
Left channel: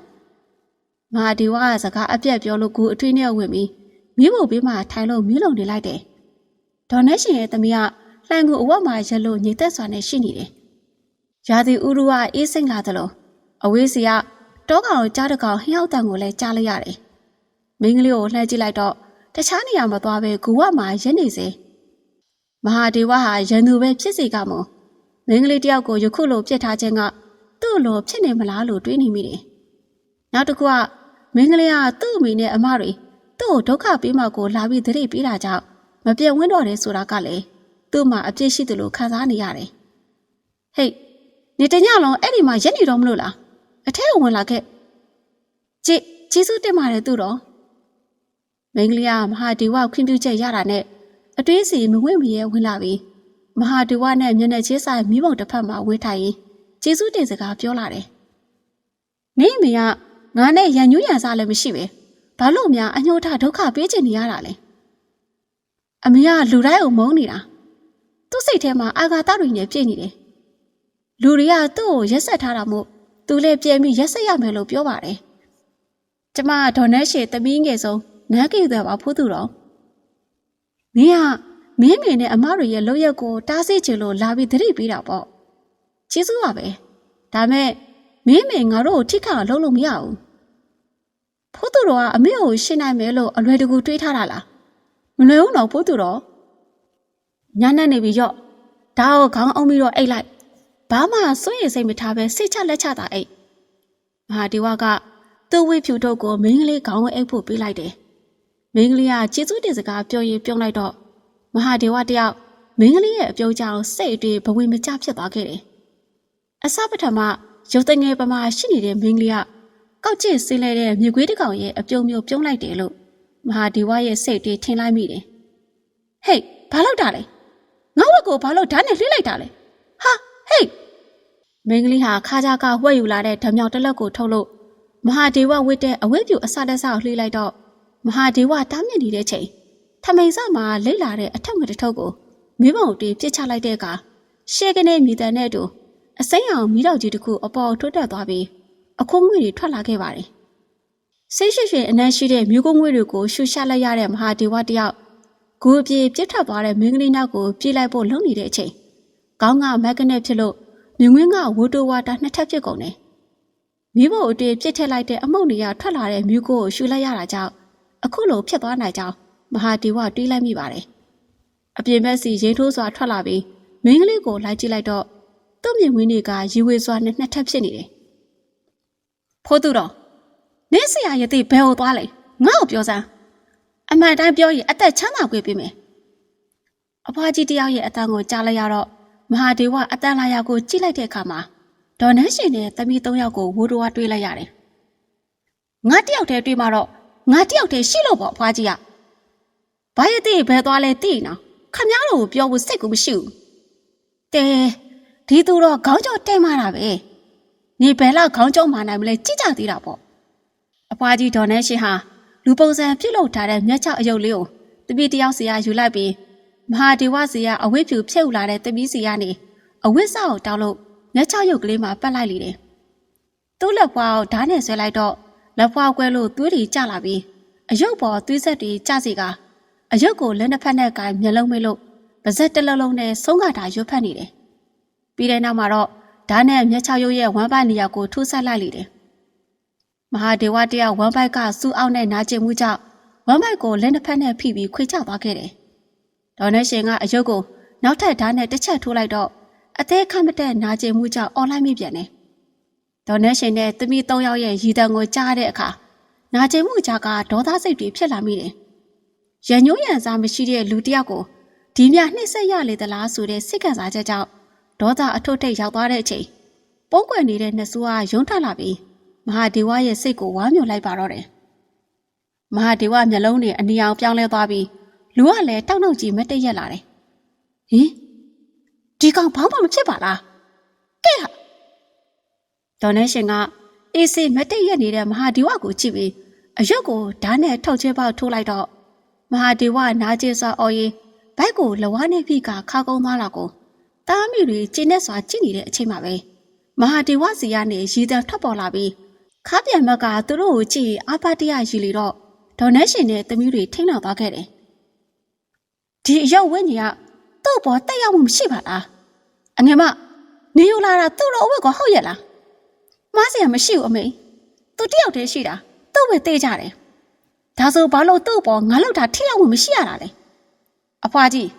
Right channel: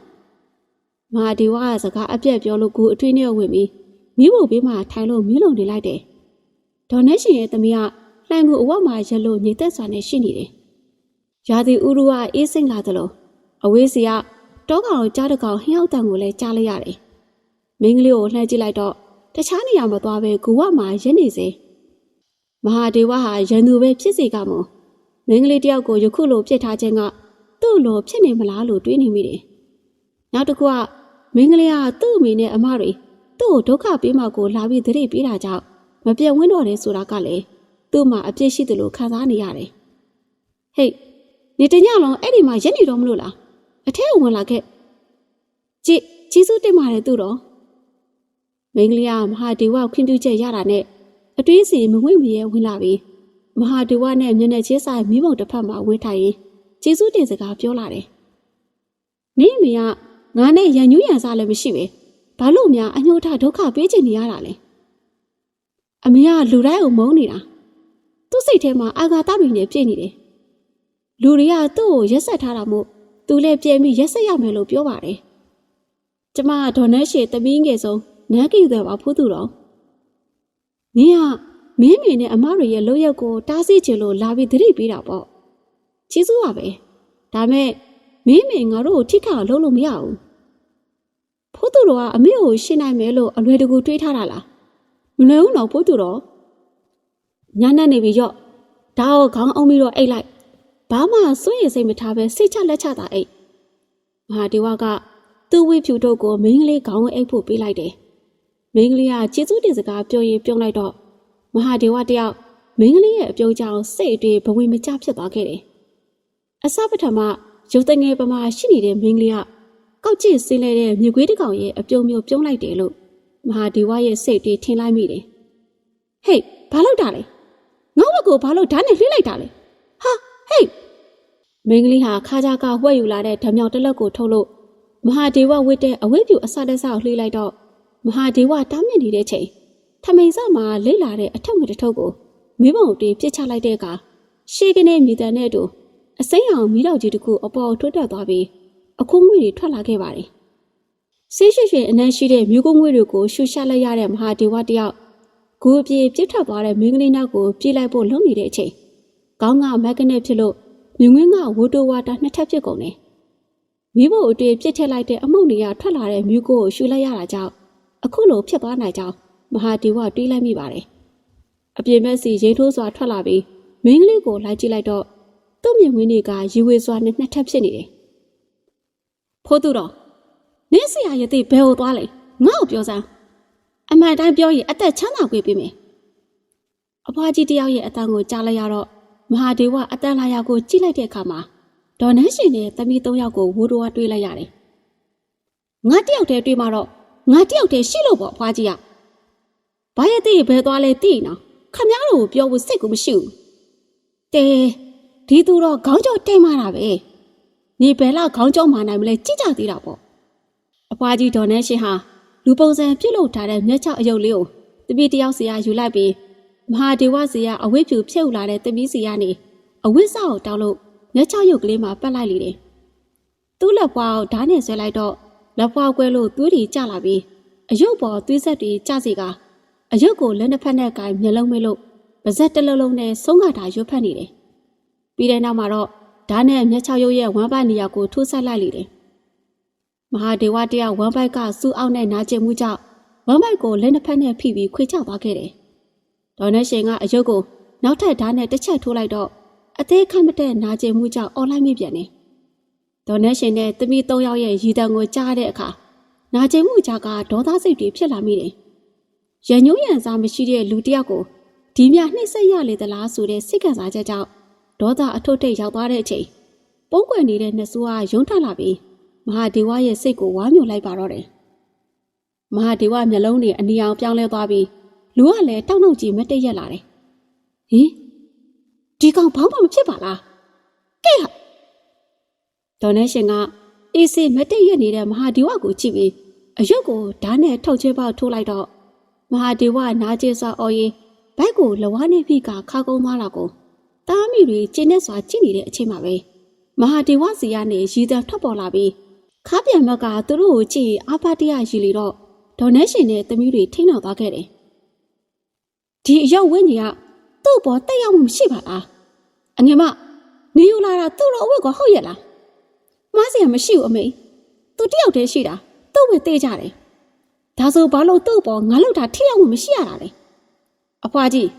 မဟာဒီဝကစကားအပြက်ပြောလို့ကိုအထွေးနဲ့ဝင်ပြီးမိဖို့ဘေးမှာထိုင်လို့မြုံလုံနေလိုက်တယ်ဒေါ်နက်ရှင်ရဲ့သမီးကလှန်ကူအဝတ်မှာရက်လို့ညီသက်စွာနဲ့ရှိနေတယ်ရာသီဥတုကအေးစိမ့်လာသလိုအဝေးစီက တောကောင်ကိုကြားတကောင်ဟင်းရောက်တန်ကိုလည်းကြားလိုက်ရတယ်မင်းကလေးကိုလှမ်းကြည့်လိုက်တော့တခြားနေရာမှာသွားပဲဂူဝမှာရက်နေစေမဟာဒေဝဟာရန်သူပဲဖြစ်စီကမို့မင်းကလေးတယောက်ကိုယခုလိုပြစ်ထားခြင်းကသူ့လိုဖြစ်နေမလားလို့တွေးနေမိတယ်။နောက်တစ်ခုကမင်းကလေးကသူ့အမေနဲ့အမတွေသူ့ကိုဒုက္ခပေးမှကိုလာပြီးသတိပေးတာကြောင့်မပြတ်ဝင်းတော့တယ်ဆိုတာကလည်းသူ့မှာအပြစ်ရှိတယ်လို့ခံစားနေရတယ်။ဟေးနေတညလုံးအဲ့ဒီမှာရက်နေတော့မလို့လား။ အထက်ဝင်လာခဲ့။ကြည်ကျေးဇူးတင်ပါတယ်သူတော်။မင်းကလေးကမဟာဒီဝခွင့်ပြုချက်ရတာနဲ့အတွေးစီမဝင့်မရဲဝင်လာပြီးမဟာဒီဝနဲ့မျက်နှာချင်းဆိုင်မိဘုံတစ်ဖက်မှာဝေးထိုင်ရင်ကျေးဇူးတင်စကားပြောလာတယ်။နင်းအမေကငါနဲ့ရန်ညူးရန်စားလည်းမရှိပဲ။ဘာလို့များအညှို့ထဒုက္ခပေးချင်နေရတာလဲ။အမေကလူတိုင်းကိုမုန်းနေတာ။သူ့စိတ်ထဲမှာအာဃာတတွေနဲ့ပြည့်နေတယ်။လူတွေကသူ့ကိုရက်ဆက်ထားတာမို့ သူလည်းပြန်ပြီးရက်ဆက်ရမယ်လို့ပြောပါတယ်။ကျမဒေါ်နက်ရှေသမီးငယ်ဆုံးနန်းကိတဲ့ပါဖူးသူတော်။မင်းကမင်းမေနဲ့အမတွေရဲ့လောက်ရက်ကိုတားဆီးချင်လို့လာပြီးသတိပေးတာပေါ့။ကျေးဇူးပါပဲ။ဒါမဲ့မင်းမေငါတို့ကိုထိခါလုံးလို့မရဘူး။ဖိုးသူတော်ကအမေကိုရှင်းနိုင်မယ်လို့အလွယ်တကူတွေးထားတာလား။မလွယ်ဘူးတော့ဖိုးသူတော်။ညနေနေပြီရော့။ဒါကိုခေါင်းအောင်ပြီးတော့အိတ်လိုက် ဘာမှစိုးရိမ်စိတ်မထားပဲစိတ်ချလက်ချတာအိတ်မဟာဒီဝကသူ့ဝိဖြူတို့ကိုမင်းကလေးခေါင်းဝဲအိတ်ဖို့ပေးလိုက်တယ်မင်းကလေးကကျေးဇူးတင်စကားပြောရင်ပြုံးလိုက်တော့မဟာဒီဝတယောက်မင်းကလေးရဲ့အပြုံးကြောင့်စိတ်အတွေ့ဘဝင်မကျဖြစ်သွားခဲ့တယ်အစပထမရုပ်တငယ်ပမာရှိနေတဲ့မင်းကလေးကကောက်ကျစ်ဆင်းလဲတဲ့မြေခွေးတစ်ကောင်ရဲ့အပြုံးမျိုးပြုံးလိုက်တယ်လို့မဟာဒီဝရဲ့စိတ်တွေထင်လိုက်မိတယ်ဟေးဘာလုပ်တာလဲငါ့ဝက်ကိုဘာလို့ဓာတ်နဲ့လှိလိုက်တာလဲ ဟာဟေးမင်းကလေးဟာခါကြကဝှက်ယူလာတဲ့ဓမြောင်တစ်လက်ကိုထုတ်လို့မဟာဒေဝဝစ်တဲ့အဝိပြူအစတက်စကိုလှေးလိုက်တော့မဟာဒေဝတားမြစ်နေတဲ့ချိန်ထမိန်စမှာလိမ့်လာတဲ့အထက်ငွေတစ်ထုပ်ကိုမိဘုံတီးပြစ်ချလိုက်တဲ့အခါရှေကနေမြည်တဲ့နဲ့အတူအစိမ်းအောင်မိတော့ကြီးတစ်ခုအပေါ်ထွတ်တက်သွားပြီးအခိုးငွေတွေထွက်လာခဲ့ပါတယ်။စိတ်ရှိရှိအနက်ရှိတဲ့မြူကုန်းငွေတွေကိုရှူရှလိုက်ရတဲ့မဟာဒေဝတယောက်ဂူအပြေပြစ်ထွက်သွားတဲ့မင်းကလေးနောက်ကိုပြေးလိုက်ဖို့လုံနေတဲ့အချိန် ကောင်းကမက်ကနဲ့ဖြစ်လို့မြငင်းကဝိုတိုဝါတာနှစ်ထပ်ဖြစ်ကုန်တယ်။မိဖို့အတွေ့ပြစ်ထည့်လိုက်တဲ့အမုတ်နေရထွက်လာတဲ့မြူကိုကိုရှူလိုက်ရတာကြောင့်အခုလိုဖြစ်သွားနိုင်ကြောင်းမဟာဒေဝတွေးလိုက်မိပါတယ်။အပြင်ဘက်စီရေထိုးစွာထွက်လာပြီးမင်းကလေးကိုလိုက်ကြည့်လိုက်တော့သူ့မြင်ဝင်းတွေကရီဝေစွာနဲ့နှစ်ထပ်ဖြစ်နေတယ်။ဖိုးသူတော်မင်းဆရာရဲ့တိဘယ်ကိုသွားလဲငါ့ကိုပြောစမ်းအမှန်တိုင်းပြောရင်အသက်ချမ်းသာခွင့်ပေးမယ်။အဖွားကြီးတယောက်ရဲ့အတန်ကိုကြားလိုက်ရတော့ မဟာဒေဝအတန်လာယာကိုကြည့်လိုက်တဲ့အခါမှာဒေါ်နန်းရှင်နဲ့သမီးသုံးယောက်ကိုဝူတော်ကတွေးလိုက်ရတယ်။ငါတယောက်တည်းတွေးမှတော့ငါတယောက်တည်းရှိလို့ပေါ့အဖွားကြီးက။ဘာရဲ့တိဘယ်သွားလဲတိနော်ခမ ्या တို့ကိုပြောဖို့စိတ်ကူမရှိဘူး။တဲဒီသူတော့ခေါင်းကျော်တိတ်မှတာပဲ။နေဘယ်လောက်ခေါင်းကျော်မှနိုင်မလဲကြည့်ကြသေးတာပေါ့။အဖွားကြီးဒေါ်နန်းရှင်ဟာလူပုံစံပြုတ်လုထားတဲ့မျက်ချောက်အယုတ်လေးကိုတပည့်တယောက်စီကယူလိုက်ပြီး မဟာဒေဝစီကအဝိဖြူဖြုတ်လာတဲ့တပီးစီကနေအဝိစာကိုတောင်းလို့မျက်ချောက်ရုပ်ကလေးမှာပတ်လိုက်လေတယ်။သူ့လက်ဖွားကိုဓာတ်နဲ့ဆွဲလိုက်တော့လက်ဖွားကွဲလို့သွေးတွေကျလာပြီးအယုတ်ပေါ်သွေးဆက်တွေကျစီကအယုတ်ကိုလက်နှစ်ဖက်နဲ့ကိုင်မျက်လုံးမိလို့ပါဇက်တစ်လုံးလုံးနဲ့ဆုံးကတာရွတ်ဖက်နေတယ်။ပြီးတဲ့နောက်မှာတော့ဓာတ်နဲ့မျက်ချောက်ရုပ်ရဲ့ဝမ်းပိုက်နေရာကိုထိုးဆက်လိုက်လေတယ်။မဟာဒေဝတယောက်ဝမ်းပိုက်ကစူးအောက်နဲ့နာကျင်မှုကြောင့်ဝမ်းပိုက်ကိုလက်နှစ်ဖက်နဲ့ဖိပြီးခွေချသွားခဲ့တယ်။ ဒေါ်နဲ့ရှင်ကအယုတ်ကိုနောက်ထပ်ဓာတ်နဲ့တစ်ချက်ထိုးလိုက်တော့အသေးခတ်မတဲ့နာကျင်မှုကြောင့်អော်လိုက်မိပြန်တယ်။ဒေါ်နဲ့ရှင်နဲ့သမီး၃ယောက်ရဲ့ရည်တံကိုကြားတဲ့အခါနာကျင်မှုကြောင့်ကဒေါသစိတ်တွေဖြစ်လာမိတယ်။ရညိုးရံစားမရှိတဲ့လူတစ်ယောက်ကိုဒီမြနှိမ့်ဆက်ရလေသလားဆိုတဲ့စိတ်ကစားချက်ကြောင့်ဒေါသအထွတ်ထိပ်ရောက်သွားတဲ့အချိန်ပုံကွယ်နေတဲ့နှဆူကရုံးထွက်လာပြီးမဟာဒေဝရဲ့စိတ်ကိုဝါမျိုးလိုက်ပါတော့တယ်။မဟာဒေဝမျက်လုံးတွေအနီအောင်ပြောင်းလဲသွားပြီး လူကလည်းတောက်နှုတ်ကြီးမတ်တက်ရက်လာတယ်။ဟင်ဒီကောင်ဘောင်းမမဖြစ်ပါလား။ကဲဟာဒေါ်နေရှင်ကအေးစီမတ်တက်ရက်နေတဲ့မဟာဒီဝကိုကြည့်ပြီးအယုတ်ကိုဓာတ်နဲ့ထောက်ချဲပေါက်ထိုးလိုက်တော့မဟာဒီဝနာကျင်စွာအော်ရင်ဘိုက်ကိုလဝါနေဖိကခါကုန်းသွားတာကိုတားမိတွေကျင်းနဲ့စွာကြည့်နေတဲ့အချိန်မှာပဲမဟာဒီဝစီကနေရည်တံထွက်ပေါ်လာပြီးခါပြန်မက်ကသူတို့ကိုကြည့်အာပါတရရီလေတော့ဒေါ်နေရှင်နဲ့သမီးတွေထိန်းတော်သွားခဲ့တယ် ဒီအရောက်ဝင်းကြီးကသူ့ဘောတက်ရောက်မှုမရှိပါလားအငယ်မနေယူလာတာသူ့တော့အဝတ်ကဟုတ်ရဲ့လားမားစရာမရှိဘူးအမေသူတယောက်တည်းရှိတာသူ့ပဲတေးကြတယ်ဒါဆိုဘာလို့သူ့ဘောငါလောက်တာထိရောက်မှုမရှိရတာလဲအဖွားကြီး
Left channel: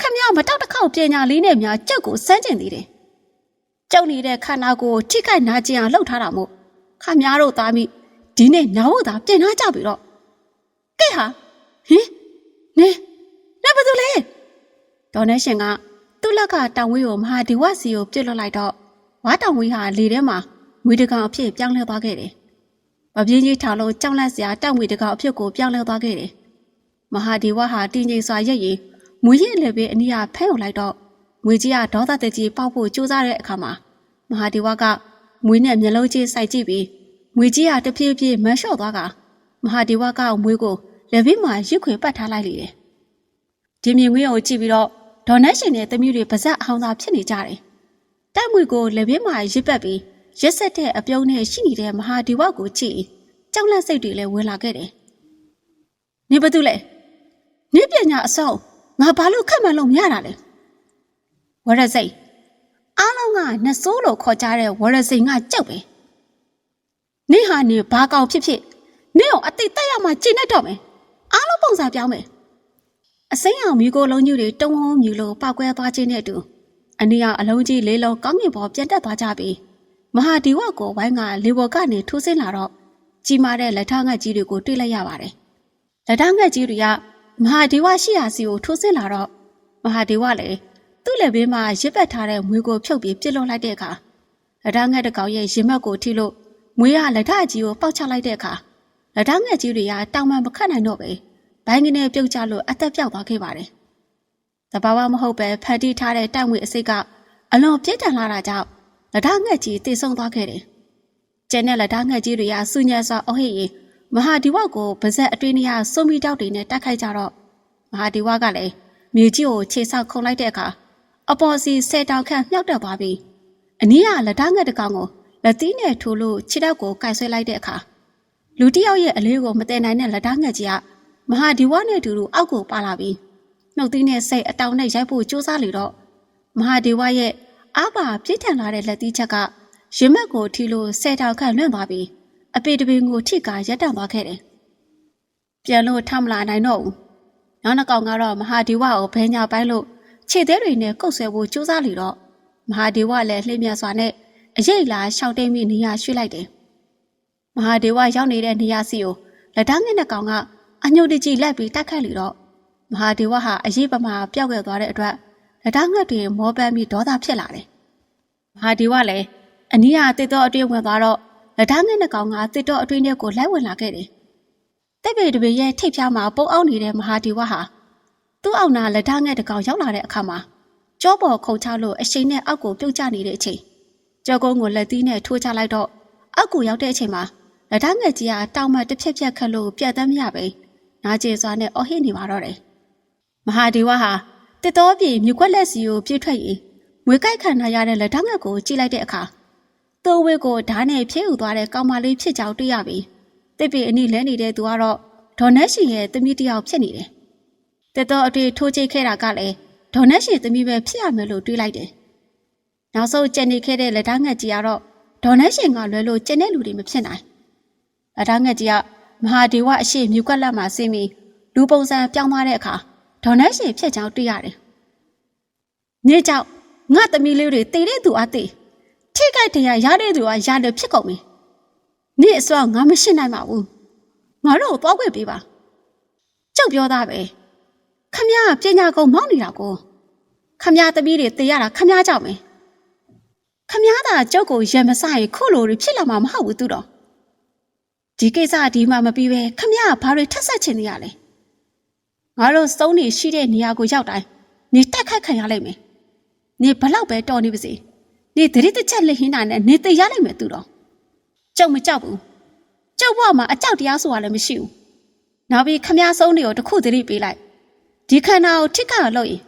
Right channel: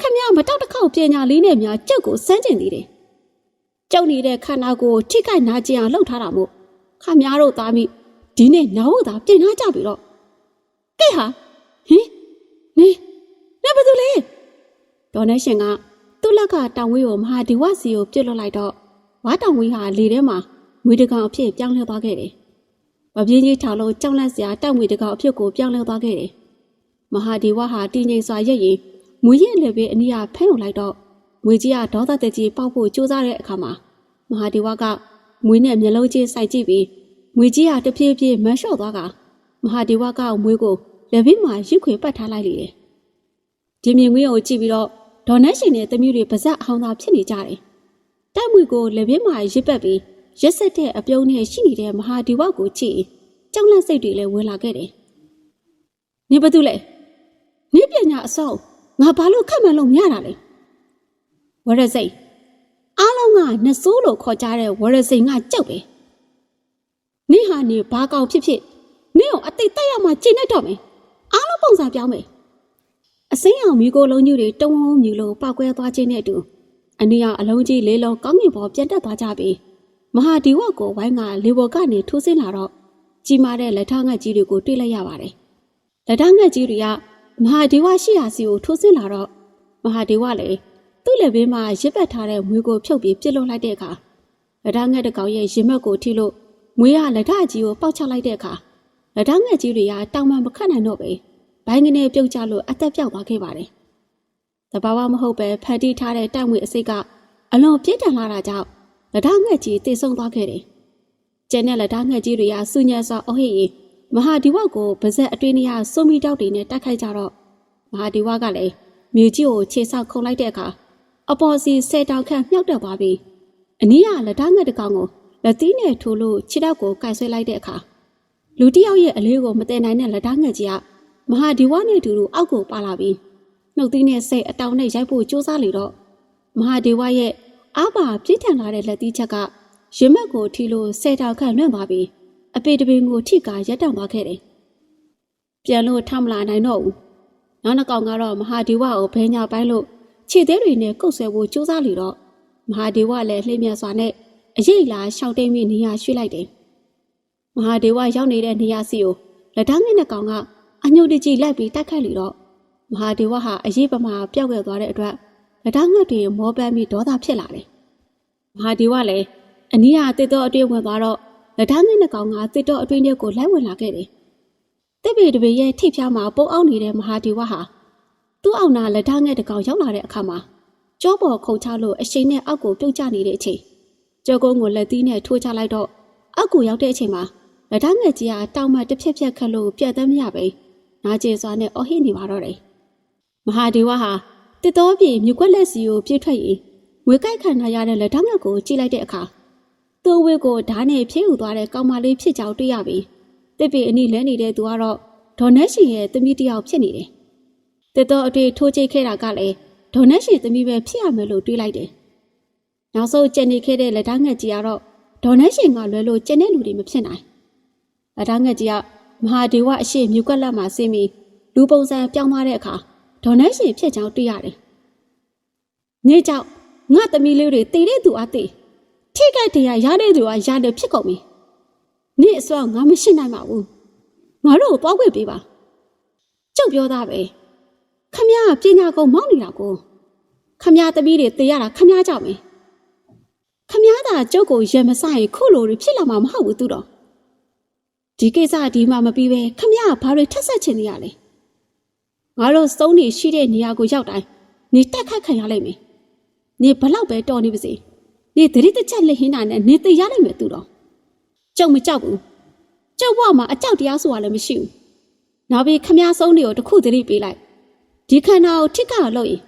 ခမရမတောက်တစ်ခေါက်ပညာလေးနဲ့များကြောက်ကိုစမ်းကျင်သေးတယ်ကြောက်နေတဲ့ခန္ဓာကိုယ်ထိခိုက်နာကျင်အောင်လှုပ်ထားတာမို့ခမရတို့သားမိဒီနေ့နားဟုတ်တာပြင်ထားကြပြီတော့ကဲဟာဟင်နေ။လက် ဘာလို့လဲ။ဒေါ်နေရှင်ကသူ့လက်ကတောင်ဝေးကိုမဟာဒီဝစီကိုပြစ်လွတ်လိုက်တော့ဝါတောင်ဝေးဟာလေထဲမှာငွေတကောင်အဖြစ်ပြောင်းလဲသွားခဲ့တယ်။မပြင်းကြီးထားလို့ကြောက်လန့်စရာတောင်ငွေတကောင်အဖြစ်ကိုပြောင်းလဲသွားခဲ့တယ်။မဟာဒီဝဟာတင်းငိမ့်စွာရက်ရင်ငွေရဲ့လည်းပဲအနီးကဖဲ့ုံလိုက်တော့ငွေကြီးကဒေါသတက်ကြီးပေါက်ဖို့ကြိုးစားတဲ့အခါမှာမဟာဒီဝကငွေနဲ့မျက်လုံးချင်းစိုက်ကြည့်ပြီးငွေကြီးကတဖြည်းဖြည်းမလျှော့သွားကမဟာဒီဝကငွေကိုလက်ပြီးမှရစ်ခွေပတ်ထားလိုက်လေတယ် ဒီမြင်ကွင်းကိုကြည့်ပြီးတော့ဒေါ်နတ်ရှင်နဲ့သမီးတွေပါဇက်အောင်သာဖြစ်နေကြတယ်။တက်မွေကိုလက်ပြင်းမှာရစ်ပတ်ပြီးရက်ဆက်တဲ့အပြုံးနဲ့ရှိနေတဲ့မဟာဒီဝကိုကြည့်ကြောက်လက်စိတ်တွေလည်းဝင်လာခဲ့တယ်။နေဘာတူလဲ။နေပညာအစောငါဘာလို့ခက်မှန်လို့မရတာလဲ။ဝရစိတ်အားလုံးကနှစိုးလို့ခေါ်ကြတဲ့ဝရစိတ်ကကြောက်ပဲ။နေဟာနေဘာကောင်ဖြစ်ဖြစ်နေအောင်အသိတက်ရမှကျင့်တတ်တော့မယ်။အားလုံးပုံစံပြောင်းမယ်။ အစိမ်းအောင်မျိုးကိုလုံးကြီးတွေတုံးဝုံမြူလို့ပောက်ကွဲသွားခြင်းနဲ့အတူအအနီးကအလုံးကြီးလေးလုံးကောင်းကင်ပေါ်ပြန်တက်သွားကြပြီးမဟာဒီဝကိုဝိုင်းကလေဘော်ကနေထိုးဆင်းလာတော့ကြီးမားတဲ့လက်ထငတ်ကြီးတွေကိုတွေ့လိုက်ရပါတယ်။လက်ထငတ်ကြီးတွေကမဟာဒီဝရှိရာစီကိုထိုးဆင်းလာတော့မဟာဒီဝလည်းသူ့လက်ဘေးမှာရစ်ပတ်ထားတဲ့မွေးကိုဖြုတ်ပြီးပြစ်လွတ်လိုက်တဲ့အခါလက်ထငတ်တစ်ကောင်ရဲ့ရင်မက်ကိုထိလို့မွေးကလက်ထကြီးကိုပေါက်ချလိုက်တဲ့အခါလက်ထငတ်ကြီးတွေကတောင်မှမခတ်နိုင်တော့ပဲ ဘိုင်းကနေပြုတ်ကျလို့အသက်ပြောက်သွားခဲ့ပါတယ်။တဘာဝမဟုတ်ပဲဖန်တီးထားတဲ့တိုက်ငွေအစိတ်ကအလွန်ပြင်းထန်လာတာကြောင့်လက်ထငတ်ကြီးတိတ်ဆုံးသွားခဲ့တယ်။ကျန်တဲ့လက်ထငတ်ကြီးတွေကစူညံစွာအဟိရင်မဟာဒီဝကိုဗဇက်အတွင်းထဲကစုံမီတောက်တွေနဲ့တိုက်ခိုက်ကြတော့မဟာဒီဝကလည်းမြေကြီးကိုခြေဆောက်ခုန်လိုက်တဲ့အခါအပေါ်စီဆယ်တောင်ခန့်မြှောက်တက်သွားပြီးအနီးကလက်ထငတ်တစ်ကောင်ကိုလက်သီးနဲ့ထိုးလို့ခြေထောက်ကိုကိုက်ဆွဲလိုက်တဲ့အခါလူတစ်ယောက်ရဲ့အလေးကိုမတည်နိုင်တဲ့လက်ထငတ်ကြီးက မဟာဒီဝနဲ့အတူတူအောက်ကိုပါလာပြီးနှုတ်သီးနဲ့စိတ်အတောင်နဲ့ရိုက်ဖို့ကြိုးစားလေတော့မဟာဒီဝရဲ့အာဘာပြည့်ထန်လာတဲ့လက်သီးချက်ကရင်မက်ကိုထီလို့ဆယ်တောင်ခန့်လွင့်သွားပြီးအပေတပင်ကိုထိကရက်တန့်သွားခဲ့တယ်။ပြန်လို့ထမလာနိုင်တော့ဘူး။နောက်တစ်ကောင်ကတော့မဟာဒီဝကိုဘဲညာပိုင်းလို့ခြေသေးတွေနဲ့ကုတ်ဆဲဖို့ကြိုးစားလေတော့မဟာဒီဝလည်းလှိမ့်မြတ်စွာနဲ့အရေးလာရှောက်တိတ်မိနေရရွှေ့လိုက်တယ်။မဟာဒီဝရောက်နေတဲ့နေရာစီကိုလက်ထောင်းငယ်နဲ့ကောင်က အညုတ်တကြီးလိုက်ပြီးတိုက်ခတ်လေတော့မဟာဒီဝဟာအရေးပမာပျောက်ခဲ့သွားတဲ့အတွက်လက်ထောင်းငယ်တွေမောပန်းပြီးဒေါသဖြစ်လာတယ်။မဟာဒီဝလည်းအနီးဟာတစ်တော့အတွင်းဝင်သွားတော့လက်ထောင်းငယ်နဲ့ကောင်ကတစ်တော့အတွင်းထဲကိုလိုက်ဝင်လာခဲ့တယ်။တက်ပေတပေရဲ့ထိပ်ဖြားမှာပုံအောင်နေတဲ့မဟာဒီဝဟာသူ့အောက်နာလက်ထောင်းငယ်တကောင်ရောက်လာတဲ့အခါမှာကြောပေါ်ခုန်ချလို့အရှိန်နဲ့အောက်ကိုပြုတ်ကျနေတဲ့အချိန်ကြောကုန်းကိုလက်သီးနဲ့ထိုးချလိုက်တော့အောက်ကိုရောက်တဲ့အချိန်မှာလက်ထောင်းငယ်ကြီးကတောင်မှတစ်ဖြက်ဖြက်ခတ်လို့ပြတ်သက်မရပဲ နာကျင်စွာနဲ့အော်ဟစ်နေပါတော့တယ်။မဟာဒီဝဟာတစ်တော်ပြေမြွက်ွက်လက်စီကိုပြစ်ထွက်ရင်ငွေကြိုက်ခံထားရတဲ့လက်ထောင်းငယ်ကိုကြည့်လိုက်တဲ့အခါသူ့ဝေကိုဓာတ်နဲ့ဖြည့်ယူသွားတဲ့ကောင်မလေးဖြစ်ကြောင်တွေ့ရပြီးတစ်ပေအနီလဲနေတဲ့သူကတော့ဒေါ်နက်ရှင်ရဲ့သမီးတစ်ယောက်ဖြစ်နေတယ်။တစ်တော်အတွေ့ထိုးချိတ်ခဲ့တာကလည်းဒေါ်နက်ရှင်သမီးပဲဖြစ်ရမယ်လို့တွေးလိုက်တယ်။နောက်ဆုံးကျန်နေခဲ့တဲ့လက်ထောင်းငယ်ကြီးကတော့ဒေါ်နက်ရှင်ကလွယ်လို့ကျန်တဲ့လူတွေမဖြစ်နိုင်။လက်ထောင်းငယ်ကြီးက မဟာဒေဝအရှိမြူကွက်လက်မှာဆင်းပြီးလူပုံစံပြောင်းသွားတဲ့အခါဒေါ်နက်ရှင်ဖြစ်ကြောင်းတွေ့ရတယ်။နေ့ကြောင့်ငါသမီးလေးတွေတည်တဲ့သူအသေးထိခိုက်တရားရတဲ့သူကရတယ်ဖြစ်ကုန်ပြီ။နေ့အစောငါမရှိနိုင်ပါဘူး။ငါတို့ကိုပေါက်ခွင့်ပေးပါ။ကြောက်ပြောသားပဲ။ခမရပညာကုံမောင်းနေတာကိုခမရသမီးတွေတည်ရတာခမရကြောက်မယ်။ခမရသာကြောက်ကိုရံမစရင်ခုလိုတွေဖြစ်လာမှာမဟုတ်ဘူးသူတော့။ ဒီကိစ္စဒီမှမပြီးပဲခမရကဘာတွေထက်ဆက်ချင်နေရလဲ။ငါတို့စုံနေရှိတဲ့နေရာကိုရောက်တိုင်းနေတက်ခတ်ခံရလိမ့်မယ်။နေဘလောက်ပဲတော်နေပါစေ။နေသတိတစ်ချက်လက်ဟင်းနိုင်နဲ့နေတည်ရလိမ့်မယ်သူတော့။ကြောက်မကြောက်ဘူး။ကြောက်ဘွားမှာအကြောက်တရားဆိုတာလည်းမရှိဘူး။နောက်ပြီးခမရဆုံးတွေကိုတစ်ခုသတိပေးလိုက်။ဒီခန္ဓာကိုထိခါလို့ရင်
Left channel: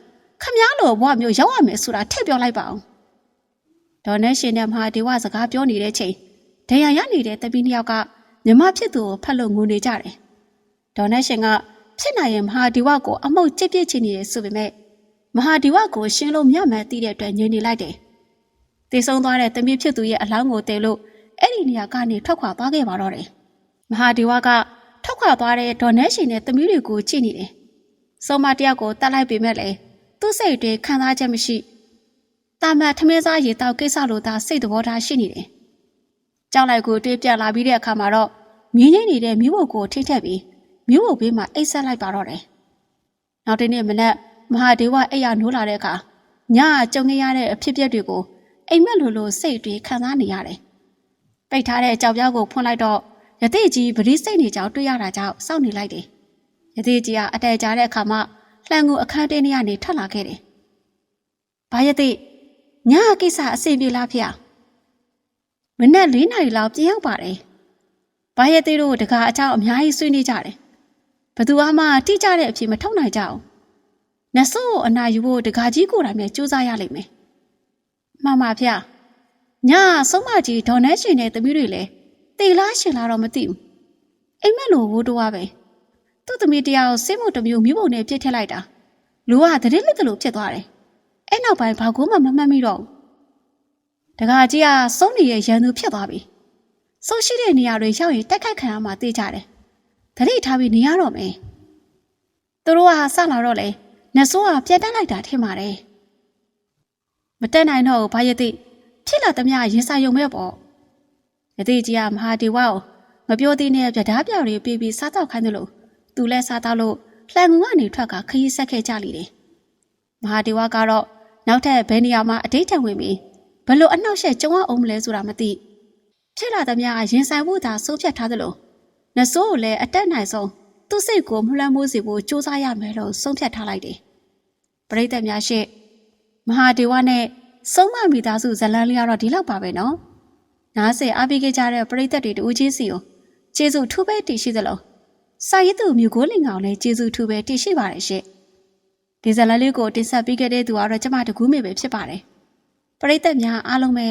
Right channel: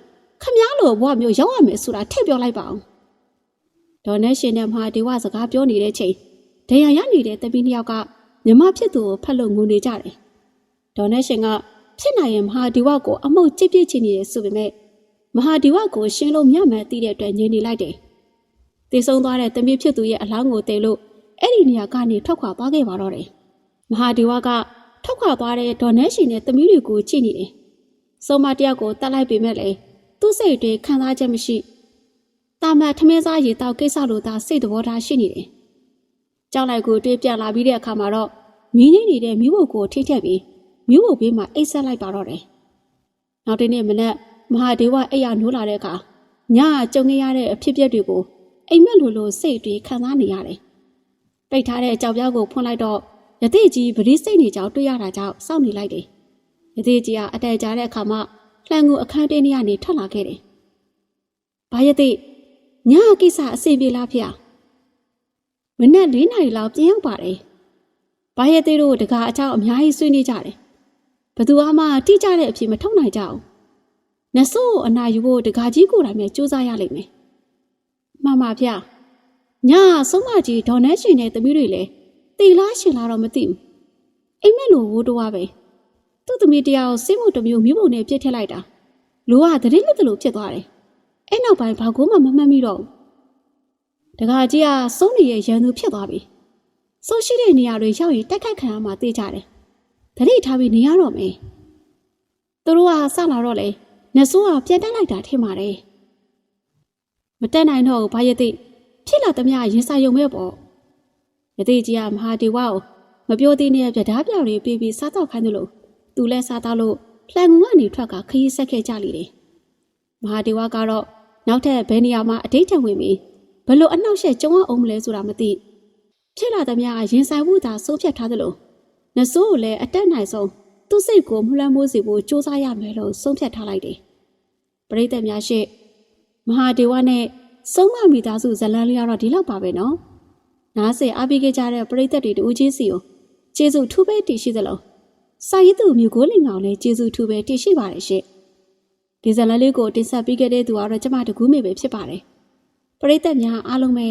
ခမရလိုဘွားမျိုးရောက်ရမယ်ဆိုတာထည့်ပြောလိုက်ပါအောင်။ဒေါ်နေရှင်နဲ့မဟာဒေဝစကားပြောနေတဲ့ချိန်ဒဏ်ရာရနေတဲ့တပီးနှစ်ယောက်က မြမဖြစ်သူကိုဖတ်လို့ငိုနေကြတယ်။ဒေါ်နေရှင်ကဖြစ်နိုင်ရင်မဟာဒီဝကိုအမှုတ်ကြစ်ပြစ်ချင်နေတယ်ဆိုပေမဲ့မဟာဒီဝကိုရှင်းလို့မြတ်မှန်သိတဲ့အတွက်ညင်နေလိုက်တယ်။တေဆုံးသွားတဲ့တမီးဖြစ်သူရဲ့အလောင်းကိုတဲလို့အဲ့ဒီနေရာကနေထွက်ခွာသွားခဲ့ပါတော့တယ်။မဟာဒီဝကထွက်ခွာသွားတဲ့ဒေါ်နေရှင်နဲ့တမီးတွေကိုကြည့်နေတယ်။ဆုံးမတယောက်ကိုတတ်လိုက်ပေမဲ့လည်းသူ့စိတ်အတွင်းခံစားချက်မရှိ။တာမတ်ထမင်းစားရေတောက်ကိစ္စလိုသာစိတ်သဘောထားရှိနေတယ်။ ကြောက်လိုက်ကိုတွေးပြလာပြီးတဲ့အခါမှာတော့မြင်းကြီးနေတဲ့မိဖို့ကိုထိထက်ပြီးမိဖို့ဘေးမှာအိတ်ဆက်လိုက်ပါတော့တယ်။နောက်တနေ့မနက်မဟာဒေဝအိယာနိုးလာတဲ့အခါညကြုံခဲ့ရတဲ့အဖြစ်အပျက်တွေကိုအိမ်မက်လိုလိုစိတ်တွေခံစားနေရတယ်။ပိတ်ထားတဲ့ကြောက်ပြောက်ကိုဖွင့်လိုက်တော့ယတိကြီးဗတိစိတ်နေကြောင်တွေ့ရတာကြောင့်စောင့်နေလိုက်တယ်။ယတိကြီးကအတဲကြတဲ့အခါမှလှန်ကိုအခန်းတင်းထဲကနေထွက်လာခဲ့တယ်။ဘာယတိညကိစ္စအစီပြေလားဖေ။ မနက်၄နာရီလောက်ပြန်ရောက်ပါတယ်။ဘာယတိတို့တကားအချောင်းအများကြီးဆွေးနွေးကြတယ်။ဘသူမှတိကျတဲ့အဖြစ်မထုတ်နိုင်ကြဘူး။နဆိုးအနာယူဖို့တကားကြီးကိုယ်တိုင်ပဲစူးစမ်းရလိမ့်မယ်။မှန်ပါဗျ။ညဆုံးမကြီးဒေါ်နဲရှင်နဲ့သမီးတွေလည်းတေလားရှင်လားတော့မသိဘူး။အိမ်မက်လိုဘိုးတော်ပဲ။သူ့သမီးတရားကိုစိတ်မှုတစ်မျိုးမျိုးပုံနဲ့ပြစ်ထည့်လိုက်တာ။လူကတတိလက်တလို့ဖြစ်သွားတယ်။အဲ့နောက်ပိုင်းဘာကူမှမမှတ်မိတော့ဘူး။ တကားကြီးကစုံးနေရဲ့ရန်သူဖြစ်သွားပြီ။ဆုံးရှိတဲ့နေရာတွေရောက်ရင်တိုက်ခိုက်ခံရမှာသိကြတယ်။တတိထားပြီးနေရတော့မယ်။သူတို့ကစလာတော့လေနဆိုးကပြန်တက်လိုက်တာထင်ပါတယ်မတက်နိုင်တော့ဘူးဘာရသိဖြစ်လာသမျှရင်ဆိုင်ရုံမဲ့ပေါ့ယသိကြီးကမဟာဒီဝကိုမပြောသေးတဲ့ပြဓာပြော်တွေပြီးပြီးစားတော့ခိုင်းတယ်လို့သူလဲစားတော့လို့လှန်ငုံကနေထွက်ကခရီးဆက်ခဲ့ကြလိမ့်တယ်မဟာဒီဝကတော့နောက်ထပ်ဘယ်နေရာမှာအတိတ်ထံဝင်ပြီး ဘလို့အနှောက်အယှက်ကြုံအောင်မလဲဆိုတာမသိဖြစ်လာသမျှရင်ဆိုင်ဖို့သာဆုံးဖြတ်ထားတယ်လို့နဆိုးကိုလည်းအတက်နိုင်ဆုံးသူ့စိတ်ကိုမလွှမ်းမိုးစေဖို့စူးစမ်းရမယ်လို့ဆုံးဖြတ်ထားလိုက်တယ်ပရိသတ်များရှေ့မဟာဒေဝနဲ့ဆုံးမမိသားစုဇလန်းလေးကတော့ဒီလောက်ပါပဲနော်။နားဆင်အားပေးခဲ့ကြတဲ့ပရိသတ်တွေတူချင်းစီကိုကျေးဇူးထူးပဲတည်ရှိသလိုစာရေးသူမျိုးကိုလင်ကောင်လည်းကျေးဇူးထူးပဲတည်ရှိပါတယ်ရှင့်။ဒီဇလန်းလေးကိုတင်ဆက်ပေးခဲ့တဲ့သူကတော့ကျမတကူးမေပဲဖြစ်ပါတယ်။ ပရိသတ်များအားလုံးပဲ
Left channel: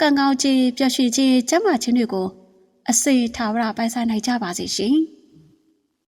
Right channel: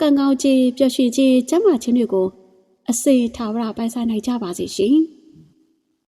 ကံကောင်းခြင်းပျော်ရွှင်ခြင်းကျမ်းမာခြင်းတွေကိုအစေထာဝရပိုင်ဆိုင်နိုင်ကြပါစေရှင်။